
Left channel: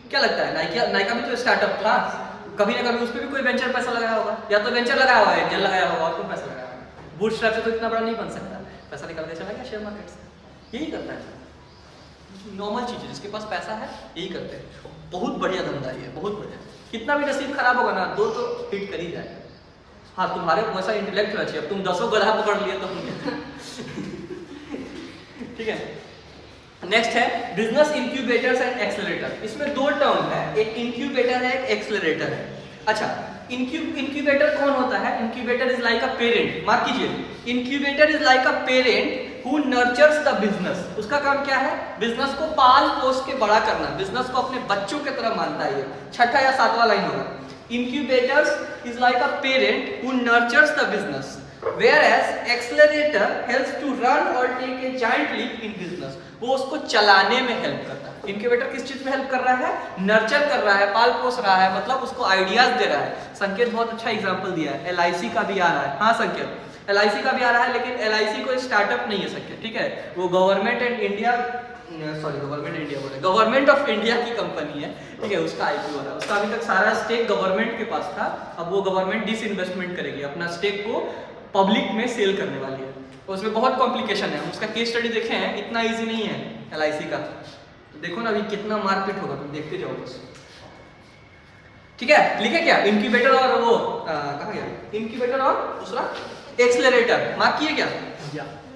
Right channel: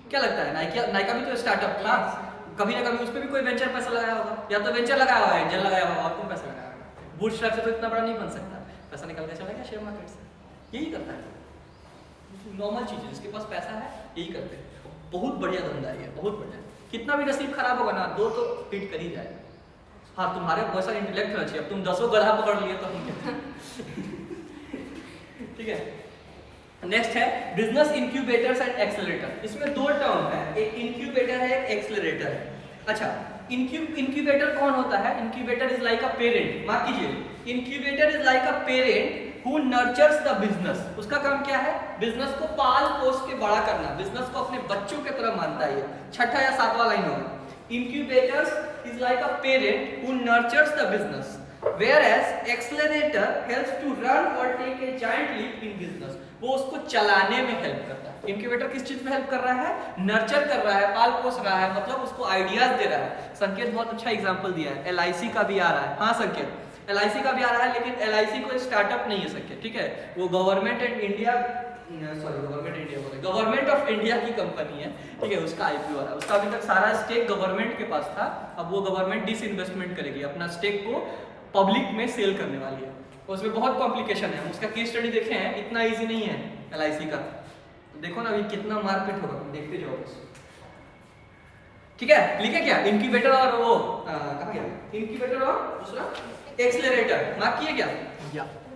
क्या लगता है नायका भी तो स्टार्टअप था, कभी ना कभी उस पर भी कोई वेंचर पैसा लगाया होगा, या तो वेंचर लगाया हुआ है, एंजल लगाया होगा, और तुम पैसा लगाया होगा। बूटस्ट्रैप से तो इतना बड़ा नहीं बन सकता, पैसा निकल के चला गया शेयर मार्केट से। यही करता है नॉर्मल चीज है, जिसके पास पैसा है यही करते हैं। बहुत बढ़िया धंधा है, बहुत बढ़िया। कितना भी नसीब खराब होगा ना, 2 तो हिट कर ही जाएगा। हाँ, तुम्हारे वैसा इंटेलेक्ट होना चाहिए। अब तुम 10 गधा पकड़ लिए तो हम क्या ठीक है। नेक्स्ट है बिजनेस इंक्यूबेटर्स एंड एक्सेलरेटर। इसमें 2 टर्म है, एक इंक्यूबेटर है, एक एक्सेलरेटर है। अच्छा, इंक्यूबेटर कौन होता है? Incubator is like a parent. Mark कीजिए, incubator is like a parent who nurtures the business. उसका काम क्या है? बिजनेस को पाल पोस के बड़ा करना, बिजनेस को अपने बच्चों की तरह मानता है। 6ठा या 7वां लाइन होगा। Incubators is like a parent who nurtures the business, whereas accelerator helps to run or take a giant leap in business. वो उसको चलाने में हेल्प करता है। इंक्यूबेटर किस चीज में हेल्प कर रहा है? नर्चर कर रहा है, पाल पोस रहा है, मतलब उसको आइडियाज दे रहा है। संकेत बहुत अच्छा एग्जांपल दिया है, एलआईसी का भी आ रहा है। हाँ संकेत, एलआईसी का भी आ रहा है, लेकिन एलआईसी कोई स्टार्टअप नहीं है संकेत, ठीक है। वो गवर्नमेंट ऑफ इंडिया की कंपनी है, ठीक है। उसका आईपीओ है, उसका अभी तक सारा स्टेक गवर्नमेंट के पास था, अब वो गवर्नमेंट डिसइन्वेस्टमेंट करेगी, अपना स्टेक को पब्लिक में सेल करने वाली है। तो उसमें बहुत कॉम्प्लिकेशन है, उसका केस स्टडी देखे हैं, इतना इजी नहीं है एलआईसी का। तो देखो ना अभी कितना मारपीट होगा, तुम देखते जाओ बस, ठीक है। लिखे क्या? इंक्यूबेटर और वो कहा गया, इंक्यूबेटर और दूसरा एक्सेलरेटर। मार्क किए क्या?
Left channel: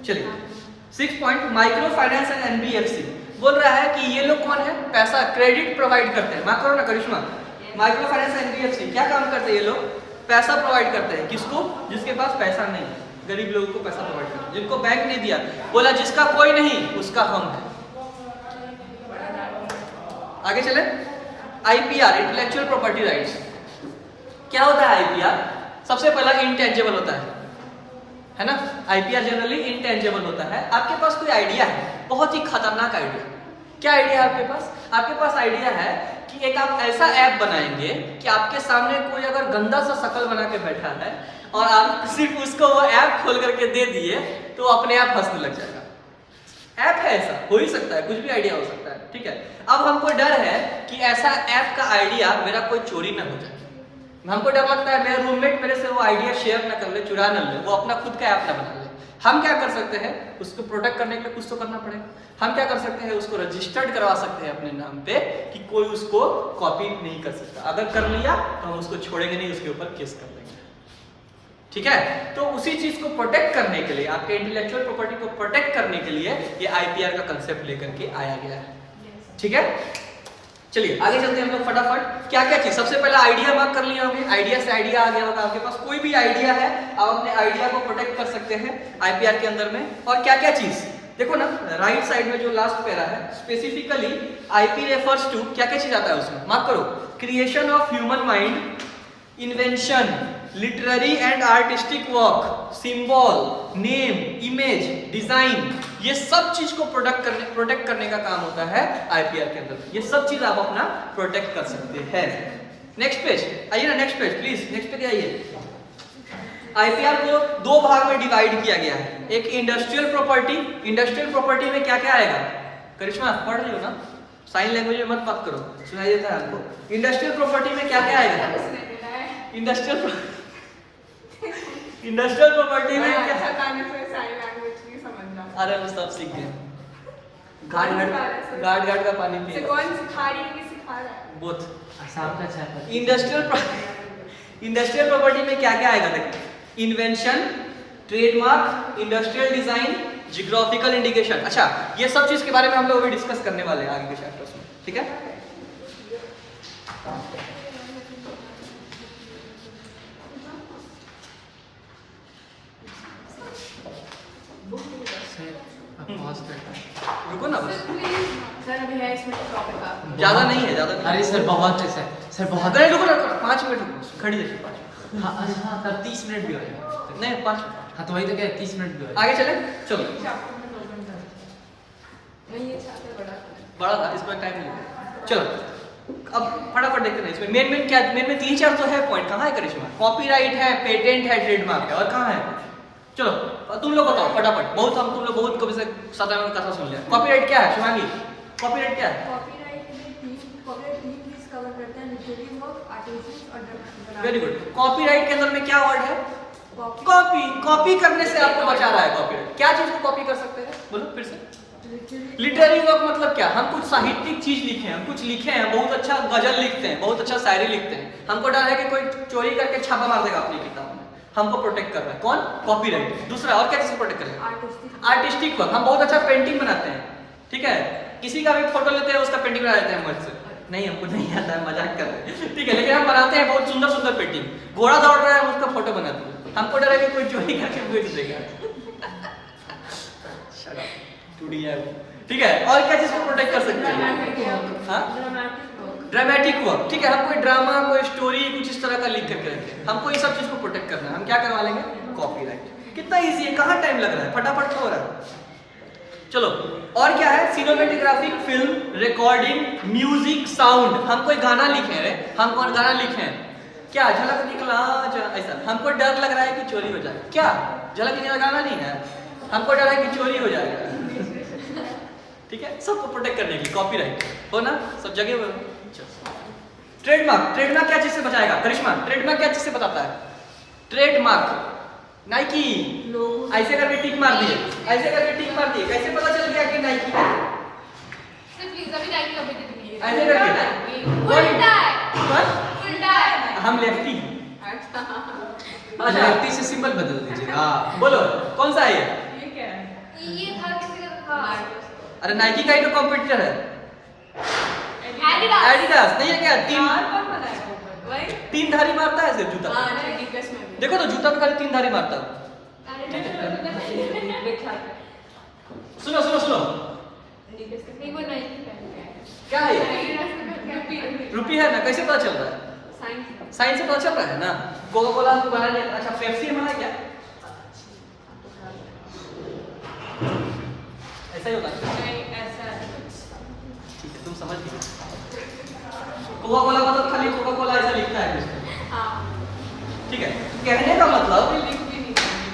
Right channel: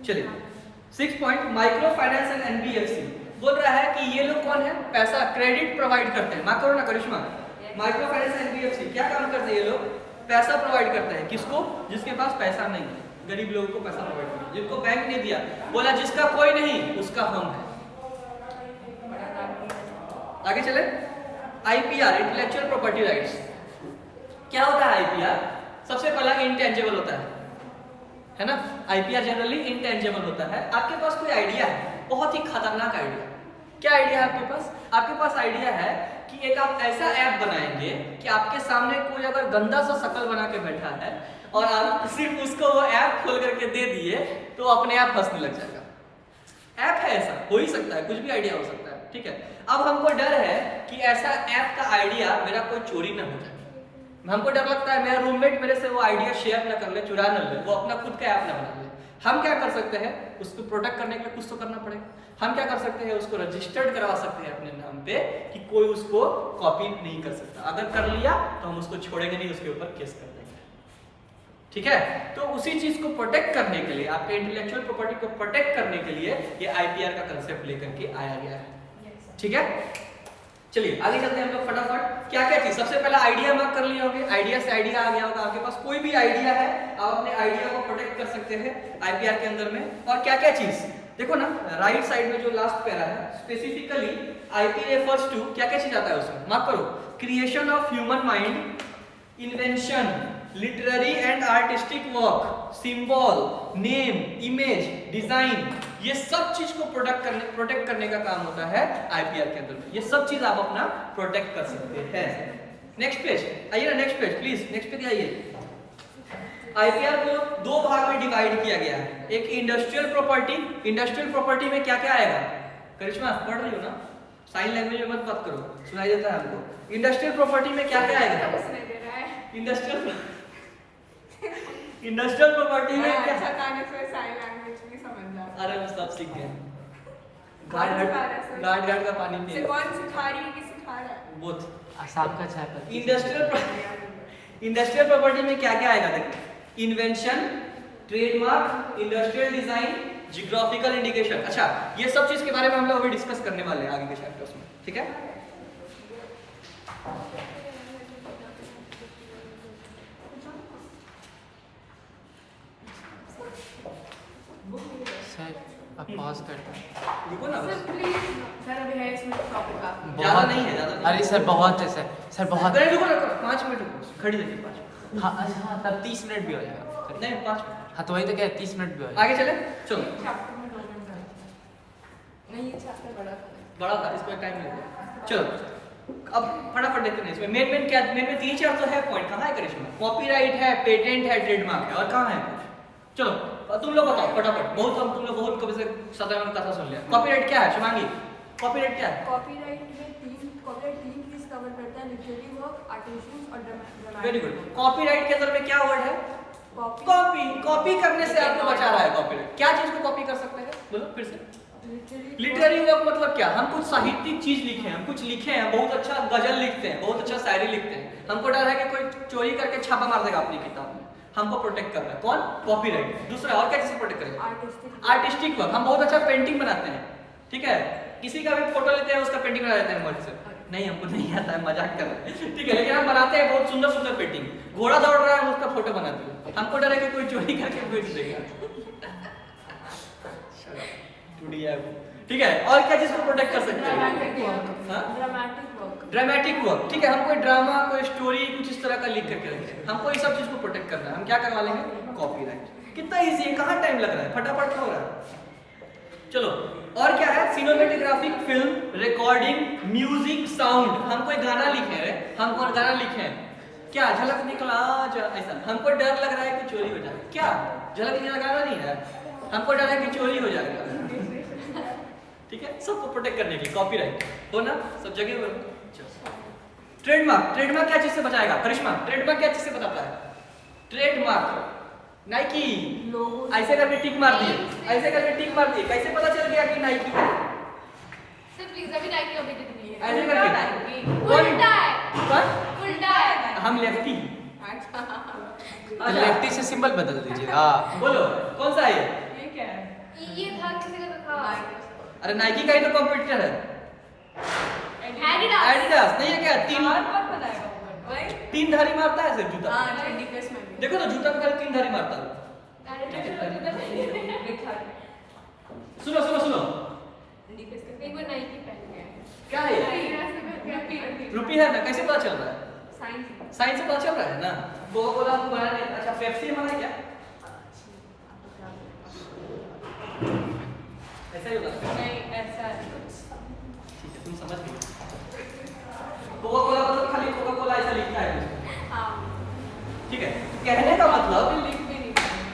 चलिए 6 point, micro finance and NBFC. बोल रहा है कि ये लोग कौन है? पैसा क्रेडिट प्रोवाइड करते हैं। मार्क करो ना करिश्मा। माइक्रो फाइनेंस एंड एनबीएफसी क्या काम करते हैं? ये लोग पैसा प्रोवाइड करते हैं। किसको? जिसके पास पैसा नहीं है, गरीब लोगों को पैसा प्रोवाइड करते हैं, जिनको बैंक ने दिया। बोला जिसका कोई नहीं उसका हम है। आगे चले, आईपीआर, इंटेलेक्चुअल प्रॉपर्टी राइट्स। क्या होता है आईपीआर? सबसे पहला इंटेंजिबल होता है ना। आईपीआर जनरली इंटेंजिबल होता है। आपके पास कोई आइडिया है, बहुत ही खतरनाक आइडिया। क्या आइडिया है आपके पास? आपके पास आइडिया है कि एक आप ऐसा ऐप बनाएंगे कि आपके सामने कोई अगर गंदा सा शक्ल बना के बैठा है और आप सिर्फ उसको वो ऐप खोल करके दे दिए तो अपने आप हंसने लग जाएगा। ऐप है, ऐसा हो ही सकता है, कुछ भी आइडिया हो सकता है, ठीक है। अब हमको डर है कि ऐसा ऐप का आइडिया मेरा कोई चोरी ना हो जाए। हमको डर लगता है मेरा रूममेट मेरे से वो आइडिया शेयर ना कर ले, चुरा न ले, वो अपना खुद का ऐप ना बना ले। हम क्या कर सकते हैं? उसको प्रोटेक्ट करने के लिए कुछ तो करना पड़ेगा। हम क्या कर सकते हैं? उसको रजिस्टर्ड करवा सकते हैं अपने नाम पे कि कोई उसको कॉपी नहीं कर सकता। अगर कर लिया तो हम उसको छोड़ेंगे नहीं, उसके ऊपर केस कर देंगे, ठीक है। तो उसी चीज को प्रोटेक्ट करने के लिए, आपके इंटेलेक्चुअल प्रॉपर्टी को प्रोटेक्ट करने के लिए ये आईपीआर का कंसेप्ट लेकर के आया गया है, ठीक है। चलिए आगे चलते हैं हम लोग फटाफट। क्या क्या चीज? सबसे पहला आइडिया मार्क कर लिए होंगे, आइडिया से आइडिया आ गया होगा। आपके पास कोई भी आइडिया है, आप अपने आइडिया को प्रोटेक्ट कर सकते हैं आईपीआर के अंदर में। और क्या क्या चीज देखो ना, राइट साइड में जो लास्ट पैरा है, स्पेसिफिकली आईपी रेफर्स टू, क्या क्या चीज आता है उसमें? मार्क करो। Creation of human mind, invention, literary and artistic work, symbol, name, image, design, ये सब चीज को प्रोटेक्ट करने का काम होता है आईपीआर के अंदर। ये सब चीज आप अपना प्रोटेक्ट कर सकते हैं। नेक्स्ट पेज आइए ना, next page please, next page आइए। आईपीआर को 2 भाग में डिवाइड किया गया है। एक इंडस्ट्रियल प्रॉपर्टी। इंडस्ट्रियल प्रॉपर्टी में क्या क्या आएगा? करिश्मा पढ़ रही हो ना, साइन लैंग्वेज में मत बात करो, सुनाई देता है हमको। इंडस्ट्रियल प्रॉपर्टी में क्या क्या आएगा? इंडस्ट्रियल इंडस्ट्रियल प्रॉपर्टी में क्या अच्छा गाने से सारी लैंग्वेज भी समझ जाओ। अरे मुस्ताफ सीख गए घाट घाट का पानी से पिए कौन सिखा रही है कि सिखा रहा है? बोथ आसाम का चाय पत्ती। इंडस्ट्रियल प्रॉपर्टी में क्या क्या आएगा देखिए, invention, trademark, industrial design, geographical indication. अच्छा ये सब चीज के बारे में हम लोग अभी डिस्कस करने वाले हैं आगे के चैप्टर्स में, ठीक है। सर अब पॉज करते हैं। रुको ना बस, सर अभी है इसमें टॉपिक का। ज्यादा नहीं है, ज्यादा नहीं। अरे सर बहुत है सर बहुत। अरे रुको रुको 5 मिनट रुको, घड़ी देखिए 5 मिनट। हाँ अच्छा हाँ, तब 30 मिनट भी हो जाएगा। नहीं 5 हाँ तो वही तो क्या 30 मिनट भी हो जाएगा। आगे चले, चलो। चैप्टर में ओपन कर। नहीं ये चैप्टर बड़ा है। बड़ा था, इस पर टाइम लेते चलो। अब फटाफट देखते हैं इसमें मेन क्या, मेन 3-4 तो है पॉइंट। कहाँ है करिश्मा? कॉपीराइट है, पेटेंट है, ट्रेडमार्क है, और कहाँ है? चलो तुम लोग बताओ फटाफट। बहुत हम तुम लोग बहुत कभी से साधारण कथा सुन लिया। कॉपीराइट क्या है शिवांगी? कॉपीराइट क्या है? कॉपीराइट में कॉपीराइट 3 चीज कवर करता है, लिटरेरी वर्क, आर्टिफिशियल और ड्रामेटिक। Very good. कॉपीराइट के अंदर में क्या वर्ड है? कॉपी करने से आपको बचा रहा है कॉपीराइट। क्या चीज को कॉपी कर सकते हैं? बोलो फिर से। लिटरेरी वर्क मतलब क्या? हम कुछ साहित्यिक चीज लिखे हैं, हम कुछ लिखे हैं, बहुत अच्छा गजल लिखते हैं, बहुत अच्छा शायरी लिखते हैं, हमको डर है कि कोई चोरी करके छापा मार देगा अपनी किताब में, हमको प्रोटेक्ट कर रहा है कौन? कॉपीराइट। दूसरा और क्या चीज प्रोटेक्ट कर रहा है? Artistic work. हम बहुत अच्छा पेंटिंग बनाते हैं, ठीक है, किसी का भी फोटो लेते हैं, उसका पेंटिंग बना देते हैं मुझसे। नहीं हमको नहीं आता है, मजाक कर रहे हैं, ठीक है, लेकिन हम बनाते हैं बहुत सुंदर सुंदर पेंटिंग। घोड़ा दौड़ रहा है, हम उसका फोटो बनाते हैं, हमको डर है कि कोई चोरी करके बेच देगा। टूटी है वो, ठीक है। और क्या चीज को प्रोटेक्ट कर सकते हैं? हाँ? ड्रामेटिक वर्क, ठीक है। हम कोई ड्रामा, कोई स्टोरी कुछ इस तरह का लिख करके रखें, हमको ये सब चीज को प्रोटेक्ट करना है, हम क्या करवा लेंगे? कॉपीराइट। कितना इजी है, कहाँ टाइम लग रहा है, फटाफट हो रहा है। चलो और क्या है? सिनेमेटोग्राफिक, फिल्म, रिकॉर्डिंग, म्यूजिक, साउंड। हम कोई गाना लिखे हैं, हम कोई गाना लिखे हैं, क्या झलक निकला ऐसा, हमको डर लग रहा है कि चोरी हो जाए, क्या झलक निकला गाना नहीं है, हमको डर है कि चोरी हो जाएगा, ठीक है। सबको प्रोटेक्ट करने के लिए कॉपीराइट हो ना, सब जगह। ट्रेडमार्क, ट्रेडमार्क क्या चीज से बचाएगा करिश्मा? ट्रेडमार्क क्या चीज से बताता है? ट्रेडमार्क नाइकी, ऐसे करके टिक मार दिए, ऐसे करके टिक मार दिए, कैसे पता चल गया कि नाइकी है? सिर्फ प्लीज अभी नाइकी कभी दे दूंगी। ऐसे करके उल्टा है, कौन? उल्टा है। हम लेफ्टी। अच्छा अच्छा लेफ्टी से सिंबल बदल दीजिए। हाँ बोलो कौन सा है ये? ये क्या है? ये था किसी का था। अरे नाइकी का ही तो कॉम्पिटिटर है। Adidas। एडिडास नहीं है क्या? कौन बनाएगा ऊपर? वही 3 धारी मारता है सिर्फ जूता। हाँ डीपीएस में भी। देखो तो जूता में खाली 3 धारी मारता है। दिखा के सुनो सुनो सुनो, डीपीएस के नहीं वो नाइकी पहन के है। क्या है? रुपी है ना, कैसे पता चल रहा है? साइंस साइंस से पता चल रहा है ना। कोका कोला को बना दिया, अच्छा पेप्सी बना क्या? ऐसा ही होगा। नहीं ऐसा कुछ ठीक है तुम समझ गए। कोका कोला मतलब खाली कोका कोला ऐसा लिखता है कुछ, हाँ ठीक है। कहने का मतलब लिख भी नहीं पाएंगे।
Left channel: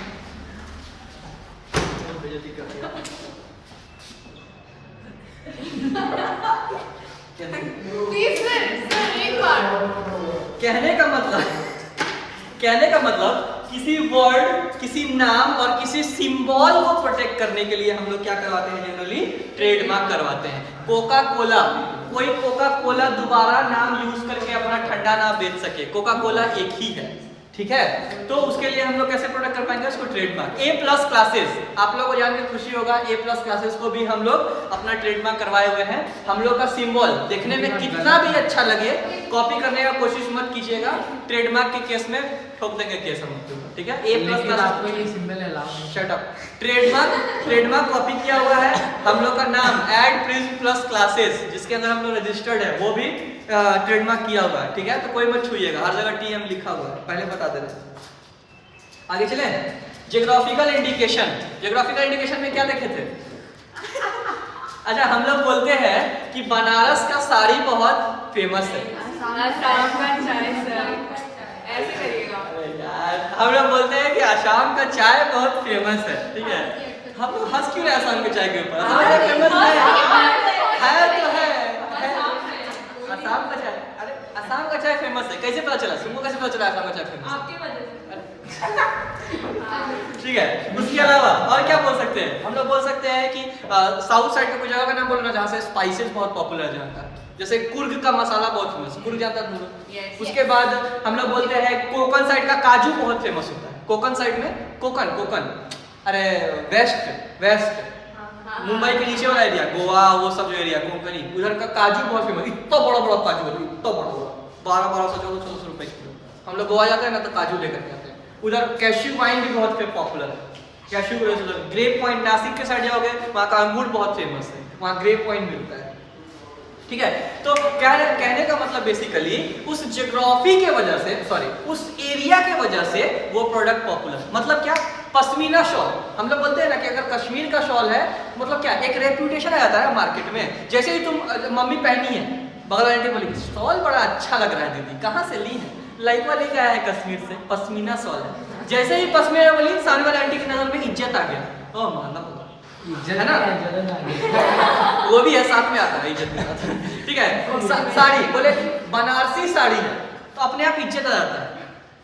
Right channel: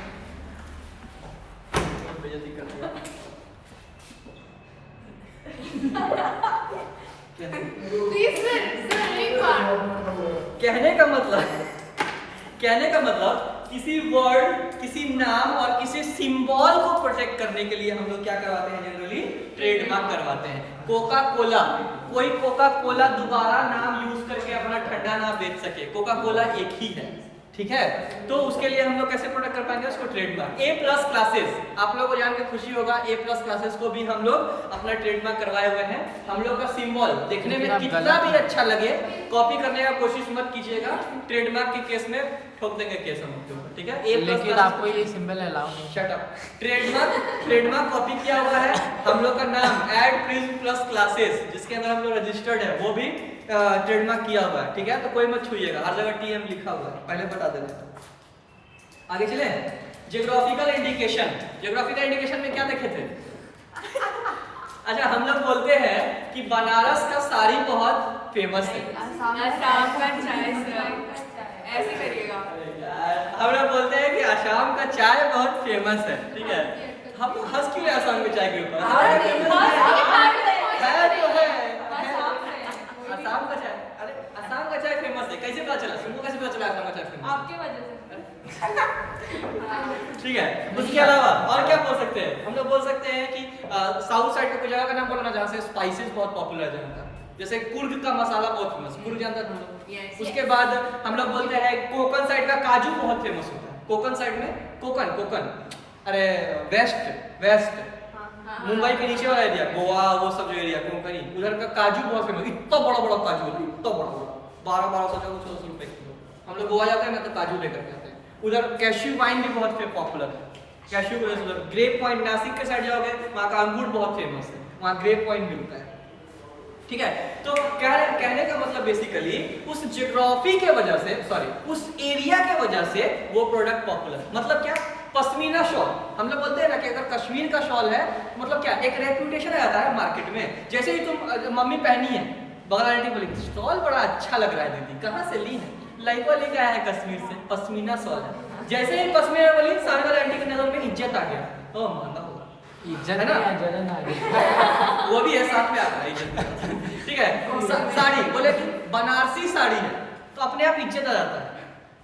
बेइज्जती कर दिया। प्लीज सर एक बार। कहने का मतलब किसी वर्ड, किसी नाम और किसी सिंबल को प्रोटेक्ट करने के लिए हम लोग क्या करवाते हैं? जनरली ट्रेडमार्क करवाते हैं। कोका कोला, कोई कोका कोला दोबारा नाम यूज करके अपना ठंडा ना बेच सके, कोका कोला एक ही है, ठीक है। तो उसके लिए हम लोग कैसे प्रोटेक्ट कर पाएंगे उसको? ट्रेडमार्क। A+ क्लासेस, आप लोगों को जान के खुशी होगा, A+ क्लासेस को भी हम लोग अपना ट्रेडमार्क करवाए हुए हैं। हम लोग का सिंबल देखने में कितना भी अच्छा लगे, कॉपी करने का कोशिश मत कीजिएगा, ट्रेडमार्क के केस में ठोक देंगे केस हम लोग, ठीक है। A+ लेकिन आपको ये सिंबल अलाउ नहीं। Shut up. ट्रेडमार्क कॉपी किया हुआ है। हम लोग का नाम एड प्रिज्म+ क्लासेस, जिसके अंदर हम लोग रजिस्टर्ड है, वो भी ट्रेडमार्क किया हुआ है, ठीक है। तो कोई मत छूइएगा, हर जगह TM लिखा हुआ है, पहले बता दे रहे हैं। आगे चले। जियोग्राफिकल इंडिकेशन, जियोग्राफिकल इंडिकेशन में क्या देखे थे? अच्छा हम लोग बोलते हैं कि बनारस का साड़ी बहुत फेमस है। आसाम का चाय सर ऐसे करिएगा। हम लोग बोलते हैं कि आसाम का चाय बहुत फेमस है, ठीक है। हम लोग हंस क्यों रहे आसाम के चाय के ऊपर? है तो है आसाम का चाय। अरे आसाम का चाय फेमस है, कैसे पता चला? तुमको कैसे पता चला आसाम का चाय फेमस है? आपके वजह से ठीक है, उसके अलावा और क्या बोल सकते हैं? हम लोग बोल सकते हैं कि साउथ साइड का कोई जगह का नाम बोलना जहाँ से स्पाइसेस बहुत पॉपुलर है जहाँ का, जैसे कुर्ग का मसाला बहुत फेमस, कुर्ग जानता है तुम लोग? Yes, उसके बाद हम लोग बोलते हैं कोकन साइड का काजू बहुत फेमस होता है। कोकन साइड में कोकन अरे वेस्ट मुंबई के नीचे वाला एरिया, गोवा वो सब जो एरिया कोंकणी, उधर का काजू बहुत फेमस, इतना बड़ा बड़ा काजू है, इतना बड़ा बड़ा 1200-1400 रुपए किलो। हम लोग गोवा जाते हैं ना तो काजू लेकर के आते हैं। उधर कैश्यू वाइन भी बहुत पॉपुलर है, कैश्यू को उधर ग्रेप पॉइंट, नासिक के साइड जाओगे वहाँ का अंगूर बहुत फेमस है, वहाँ ग्रेप पॉइंट मिलता है। ठीक है, तो कहने का मतलब बेसिकली उस ज्योग्राफी के वजह से, सॉरी उस एरिया के वजह से वो प्रोडक्ट पॉपुलर। मतलब क्या? पश्मीना शॉल, हम लोग बोलते हैं ना कि अगर कश्मीर का शॉल है मतलब क्या, एक रेप्यूटेशन आ जाता है मार्केट में। जैसे ही तुम मम्मी पहनी है, बगल आंटी बोली शॉल बड़ा अच्छा लग रहा है दीदी, कहाँ से ली है? लाइवा लेके आया है कश्मीर से, पश्मीना शॉल है। जैसे ही पश्मीना बोली, सामने वाले आंटी की नजर में इज्जत आ गया, ओ महंगा होगा, इज्जत है ना? जलन आ गई। वो भी है, साथ में आता है इज्जत के साथ। ठीक है, साड़ी बोले बनारसी साड़ी है तो अपने आप इज्जत आ जाता है।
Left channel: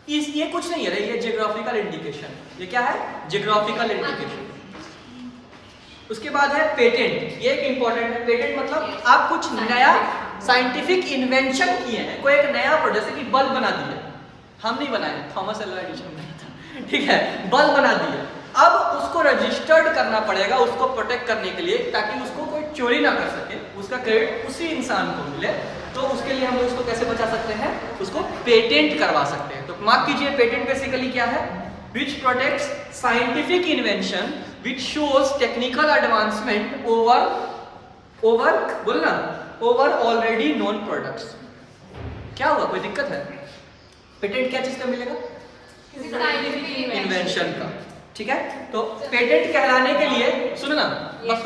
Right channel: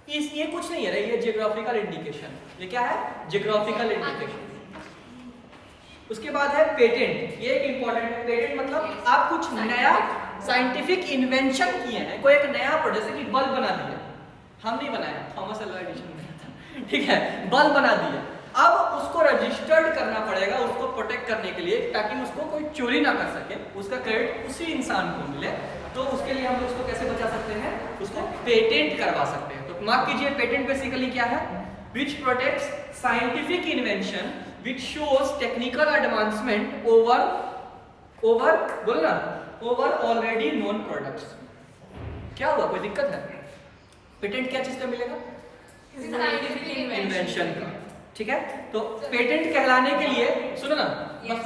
ये कुछ नहीं है, ये जियोग्राफिकल इंडिकेशन। ये क्या है? Geographical indication. उसके बाद है पेटेंट, ये एक इंपॉर्टेंट है। पेटेंट मतलब आप कुछ नया साइंटिफिक इन्वेंशन किए हैं, कोई एक नया प्रोडक्ट, जैसे कि बल्ब बना दिया, हम नहीं बनाए, थॉमस एल्वा एडिसन नहीं था, ठीक है, बल्ब बना दिया। अब उसको रजिस्टर्ड करना पड़ेगा उसको प्रोटेक्ट करने के लिए, ताकि उसको कोई चोरी ना कर सके, उसका क्रेडिट उसी इंसान को मिले। तो उसके लिए हम लोग उसको कैसे बचा सकते हैं? उसको पेटेंट करवा सकते हैं। तो मार्क कीजिए, पेटेंट बेसिकली क्या है? Which protects scientific invention which shows technical advancement over बोलना ओवर ऑलरेडी नोन प्रोडक्ट्स। क्या हुआ, कोई दिक्कत है? पेटेंट क्या चीज का मिलेगा? इन्वेंशन का। ठीक है, तो पेटेंट कहलाने के लिए सुनो ना, बस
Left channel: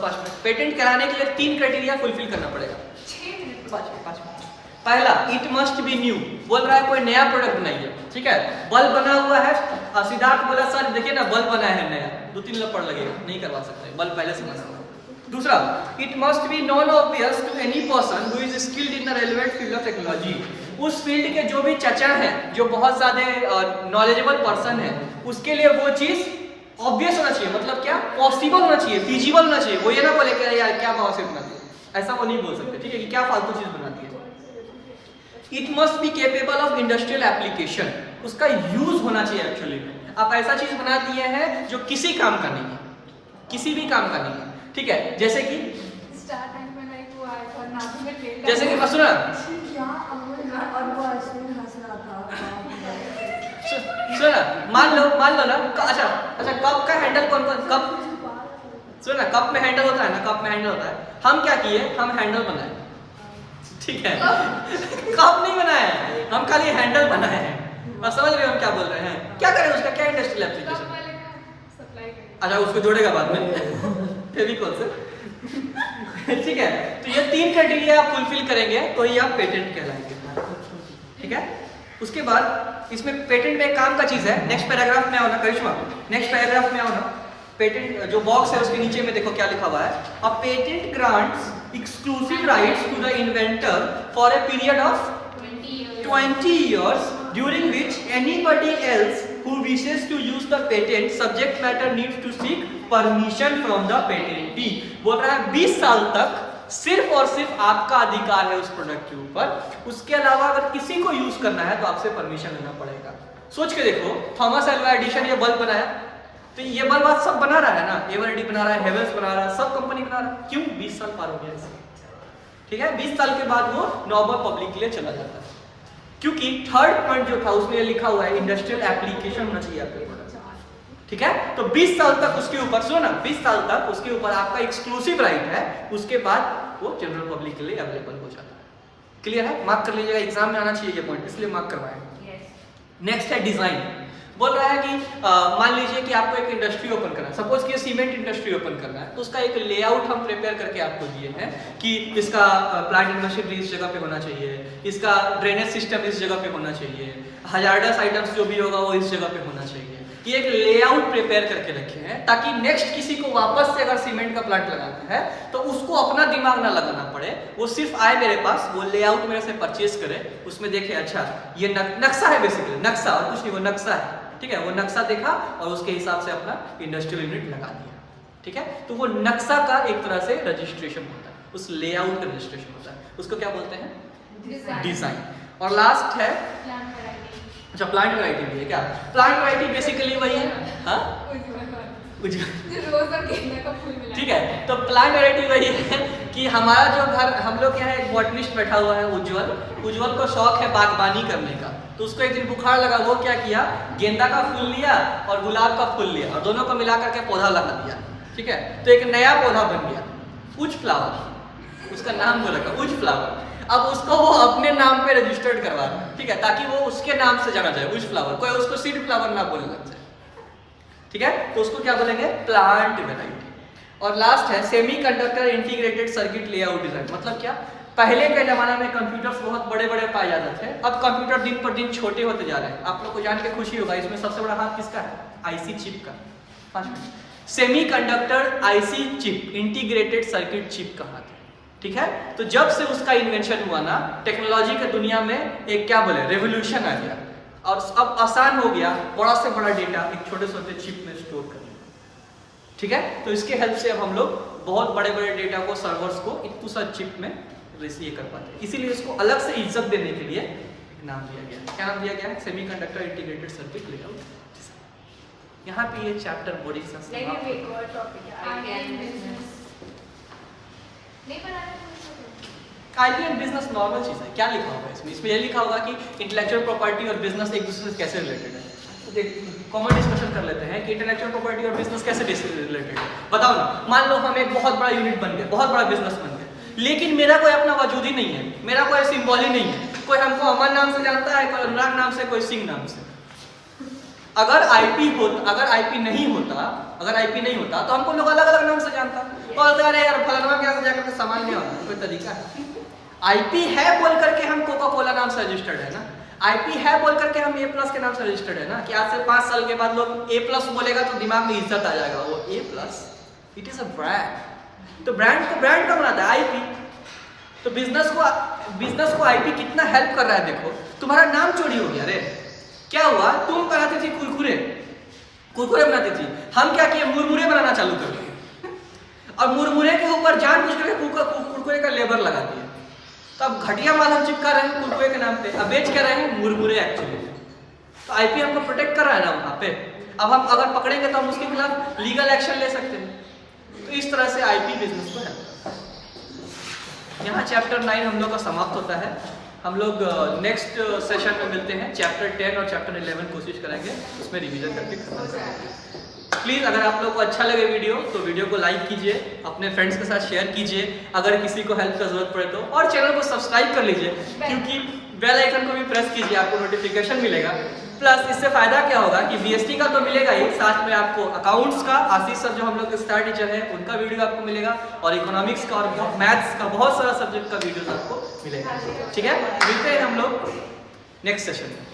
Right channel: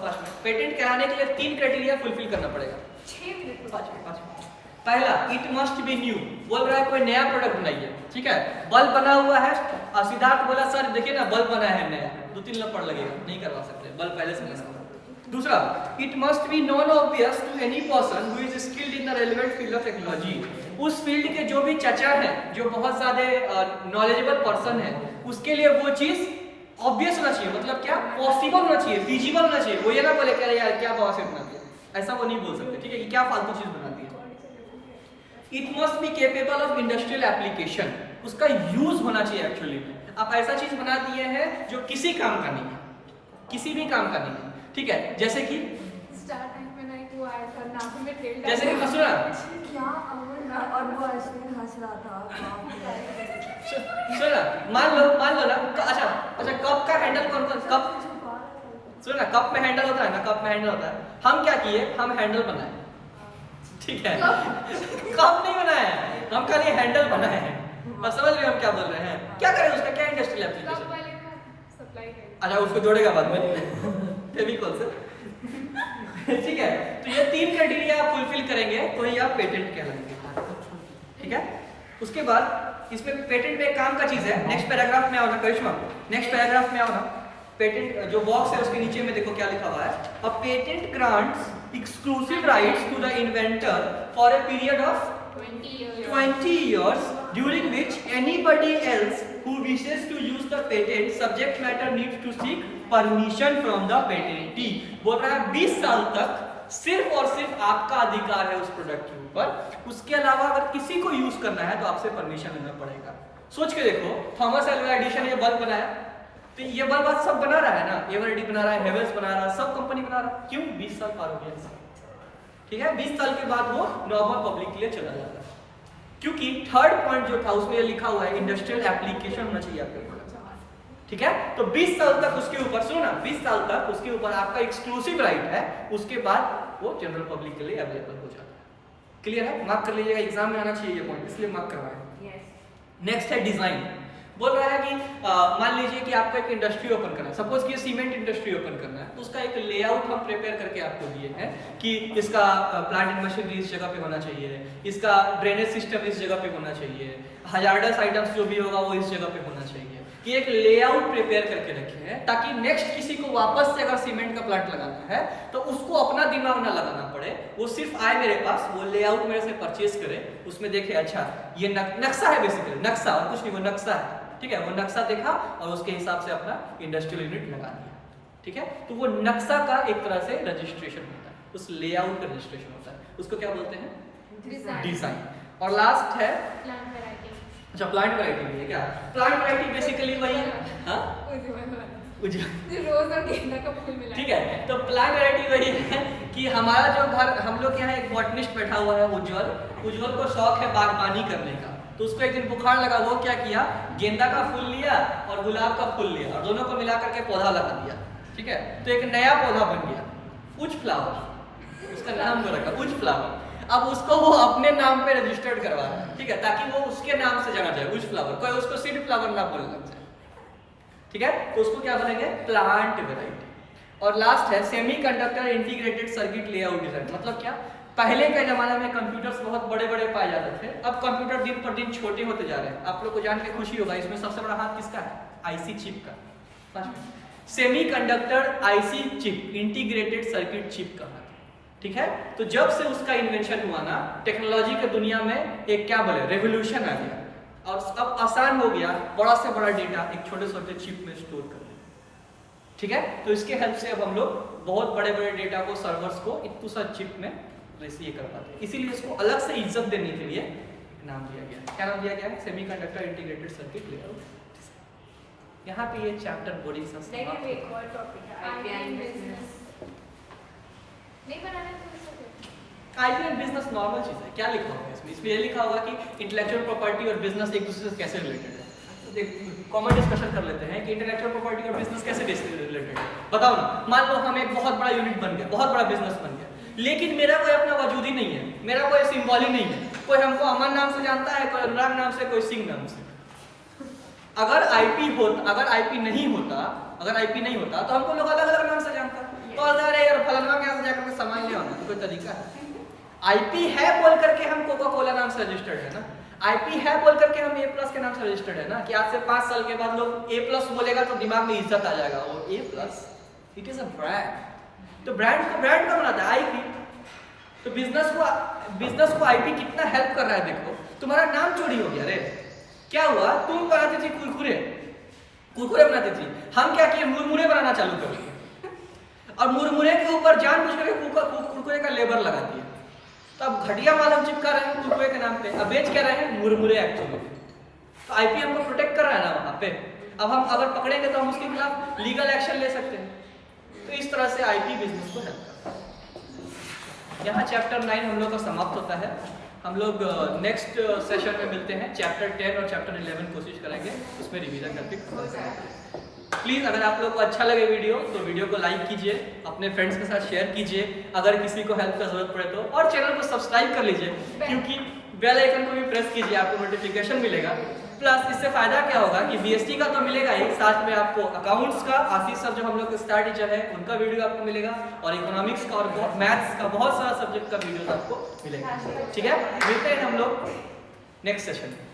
5 मिनट। पेटेंट कहलाने के लिए 3 क्राइटेरिया फुलफिल करना पड़ेगा। 5 मिनट। पहला, इट मस्ट बी न्यू, बोल रहा है कोई नया प्रोडक्ट बनाइए। ठीक है, बल्ब बना हुआ है, सिद्धार्थ बोला सर देखिए ना बल्ब बना है नया, 2-3 लपड़ लगेगा, नहीं करवा सकते, बल्ब पहले से बना हुआ। दूसरा, it must be non obvious to any person who is skilled in the relevant field of technology. उस फील्ड के जो भी चचा है, जो बहुत ज्यादा नॉलेजेबल पर्सन है, उसके लिए वो चीज ऑब्वियस होना चाहिए। मतलब क्या? पॉसिबल होना चाहिए, फिजिबल होना चाहिए। वो ये ना बोले कि यार क्या भाव से बनाती है, ऐसा वो नहीं बोल सकते। ठीक है, कि क्या फालतू चीज बनाती है। It must be capable of industrial application, उसका यूज होना चाहिए एक्चुअली में। आप ऐसा चीज बना दिए हैं जो किसी काम का नहीं है, किसी भी काम का नहीं है। ठीक है, जैसे कि जैसे कि सुनो ना, और वो आइसक्रीम हंस रहा था। सुनो ना, मान लो ना, अच्छा कप का हैंडल कौन कप, सुनो ना, कप में हैंडल होता है ना, कप में हैंडल होता है। हम क्या किए? हम हैंडल बनाए। ठीक है, कप नहीं बनाया है, हम खाली हैंडल बनाए हैं। और समझ रहे हो हम क्या बोल रहे हैं? क्या करें उसका, क्या इंडस्ट्रियल एप्लीकेशन? अच्छा, उसको जोड़ेगा बाद में फेविकॉल से। ठीक है, तो ये 3 क्राइटेरिया आप फुलफिल करेंगे तो ही आप पेटेंट कहलाएंगे। ठीक है, उसके बाद इसमें पेटेंट में एक काम का चीज है। नेक्स्ट पैराग्राफ में आओ ना करिश्मा, नेक्स्ट पैराग्राफ में आओ ना। पेटेंट जो बॉक्स है उसके नीचे में देखो क्या लिखा हुआ है। A patent grants exclusive rights to the inventor for a period of 20 years during which anybody else who wishes to use the patent subject matter needs to seek permission from the patentee। बोल रहा है 20 साल तक सिर्फ और सिर्फ आपका अधिकार है उस प्रोडक्ट के ऊपर। उसके अलावा अगर किसी को यूज करना है तो आपसे परमिशन लेना पड़ेगा। सोच के देखो, थॉमस एल्वा एडिसन ये बल्ब बनाया, तो ये बल्ब आज सब बना रहा है ना, एवरडी बना रहा है, हेवेल्स बना रहा है, सब कंपनी बना रहा है। क्यों? 20 साल पार हो गया इसे। ठीक है, 20 साल के बाद वो नॉर्मल पब्लिक के लिए चला जाता है। क्योंकि थर्ड पॉइंट जो था उसमें ये लिखा हुआ है इंडस्ट्रियल एप्लीकेशन होना चाहिए आपके प्रोडक्ट। ठीक है, तो 20 साल तक उसके ऊपर, सुनो ना, 20 साल तक उसके ऊपर आपका एक्सक्लूसिव राइट है। उसके बाद वो जनरल पब्लिक के लिए अवेलेबल हो जाता है। क्लियर है? मार्क कर लीजिएगा, एग्जाम में आना चाहिए ये पॉइंट, इसलिए मार्क करवाएं। नेक्स्ट है डिजाइन। बोल रहा है कि मान लीजिए कि आपको एक इंडस्ट्री ओपन करना है, सपोज कि सीमेंट इंडस्ट्री ओपन करना है, तो उसका एक लेआउट हम प्रिपेयर करके आपको दिए हैं कि इसका प्लांट एंड मशीनरी इस जगह पे होना चाहिए, इसका ड्रेनेज सिस्टम इस जगह पे होना चाहिए, हजार्डस आइटम्स जो भी होगा वो इस जगह पे होना चाहिए। कि एक लेआउट प्रिपेयर करके रखे हैं ताकि नेक्स्ट किसी को वापस से अगर सीमेंट का प्लांट लगाना है तो उसको अपना दिमाग ना लगाना पड़े, वो सिर्फ आए मेरे पास, वो लेआउट मेरे से परचेज करे, उसमें देखे अच्छा ये नक्शा है, बेसिकली नक्शा और कुछ नहीं, वो नक्शा है। ठीक है, वो नक्शा देखा और उसके हिसाब से अपना इंडस्ट्रियल यूनिट लगा दिया। ठीक है, तो वो नक्शा का एक तरह से रजिस्ट्रेशन होता है, उस लेआउट का रजिस्ट्रेशन होता है, उसको क्या बोलते हैं? डिजाइन। और लास्ट है Plant variety. अच्छा, प्लांट वैरायटी भी है क्या? प्लांट वैरायटी बेसिकली वही है, हाँ जो रोज और गेंदा का फूल मिला ठीक है, तो प्लांट वैरायटी वही है कि हमारा जो घर, हम लोग के यहाँ एक बॉटनिस्ट बैठा हुआ है उज्जवल को शौक है बागबानी करने का। तो उसको एक दिन बुखार लगा, वो क्या किया, गेंदा का फूल लिया और गुलाब का फूल लिया और दोनों को मिला करके पौधा लगा दिया। ठीक है, तो एक नया पौधा बन गया, उज फ्लावर, उसका नाम वो रखा उज फ्लावर। अब उसको वो अपने नाम पे रजिस्टर्ड करवा रहा है, ठीक है, ताकि वो उसके नाम से जाना जाए, उज फ्लावर, कोई उसको सीड फ्लावर ना बोलने लग जाए। ठीक है, तो उसको क्या बोलेंगे? Plant variety. और लास्ट है semiconductor integrated circuit layout design. मतलब क्या, पहले के जमाने में कंप्यूटर्स बहुत बड़े बड़े पाए जाते थे, अब कंप्यूटर दिन पर दिन छोटे होते जा रहे हैं। आप लोग को जान के खुशी होगा, इसमें सबसे बड़ा हाथ किसका है? आईसी चिप का। Semiconductor IC chip, integrated circuit chip का हाथ है। ठीक है, तो जब से उसका इन्वेंशन हुआ ना, टेक्नोलॉजी के दुनिया में एक क्या बोले, रेवोल्यूशन आ गया और अब आसान हो गया बड़ा से बड़ा डेटा एक छोटे छोटे चिप में स्टोर करने। ठीक है, तो इसके हेल्प से अब हम लोग बहुत बड़े बड़े डेटा को, सर्वर्स को एक सा चिप में रिसीव कर पाते हैं। इसीलिए इसको अलग से इज्जत देने के लिए एक नाम दिया गया है। क्या नाम दिया गया है? Semiconductor integrated circuit layout. यहाँ पे ये चैप्टर बोरिंग सा लेकिन समाप्त एक और टॉपिक है IBM IBM business. बिजनेस। नहीं बनाने को इसको आईपीएम बिजनेस नॉर्मल चीज है। क्या लिखा होगा इसमें? इसमें ये लिखा होगा कि इंटेलेक्चुअल प्रॉपर्टी और बिजनेस एक दूसरे से कैसे रिलेटेड है। तो देख, कॉमन डिस्कशन कर लेते हैं कि इंटेलेक्चुअल प्रॉपर्टी और बिजनेस कैसे रिलेटेड है। बताओ ना, मान लो हम एक बहुत बड़ा यूनिट बन गया, बहुत बड़ा बिजनेस बन गया, लेकिन मेरा कोई अपना वजूद ही नहीं है, मेरा कोई सिंबल ही नहीं है। कोई हमको अमन नाम से जानता है, कोई अनुराग नाम से, कोई सिंह नाम से। अगर आईपी नहीं होता तो हमको लोग अलग अलग नाम से जानता। और अरे यार फलाना के यहाँ से जाकर के सामान ले आना, कोई तरीका है? आईपी है बोल करके हम कोका कोला नाम से रजिस्टर्ड है ना, आईपी है बोल करके हम ए प्लस के नाम से रजिस्टर्ड है ना, कि आज से 5 साल के बाद लोग ए प्लस बोलेगा तो दिमाग में इज्जत आ जाएगा, वो A plus, it is a brand. तो ब्रांड को बनाता है आईपी। तो बिजनेस को आईपी कितना हेल्प कर रहा है। देखो, तुम्हारा नाम चोरी हो गया रे, क्या हुआ? तुम बनाती थी कुरकुरे बनाती थी, हम क्या किए, मुरमुरे बनाना चालू कर दिए और मुरमुरे के ऊपर जानबूझ करके कुरकुरे का लेबर लगाती है। तो अब घटिया माल हम चिपका रहे हैं कुरकुरे के नाम पे, अब बेच क्या रहे हैं? मुरमुरे एक्चुअली। तो आईपी हमको प्रोटेक्ट कर रहा है ना वहाँ पे। अब हम अगर पकड़ेंगे तो हम उसके खिलाफ लीगल एक्शन ले सकते हैं। तो इस तरह से आईपी बिजनेस को हेल्प करता है। यहाँ चैप्टर 9 हम लोग का समाप्त होता है। हम लोग नेक्स्ट सेशन में मिलते हैं। चैप्टर 10 और चैप्टर 11 कोशिश करेंगे उसमें रिवीजन करके खत्म करेंगे। प्लीज़ अगर आप लोग को अच्छा लगे वीडियो तो वीडियो को लाइक कीजिए, अपने फ्रेंड्स के साथ शेयर कीजिए, अगर किसी को हेल्प का जरूरत पड़े तो, और चैनल को सब्सक्राइब कर लीजिए, क्योंकि बेल आइकन को भी प्रेस कीजिए, आपको नोटिफिकेशन मिलेगा। प्लस इससे फायदा क्या होगा कि बीएसटी का तो मिलेगा ही, साथ में आपको अकाउंट्स का, आशीष सर जो हम लोग के स्टार टीचर है उनका वीडियो आपको मिलेगा, और इकोनॉमिक्स का और मैथ्स का बहुत सारा सब्जेक्ट का वीडियो आपको मिलेगा। ठीक है, मिलते हैं हम लोग नेक्स्ट सेशन में।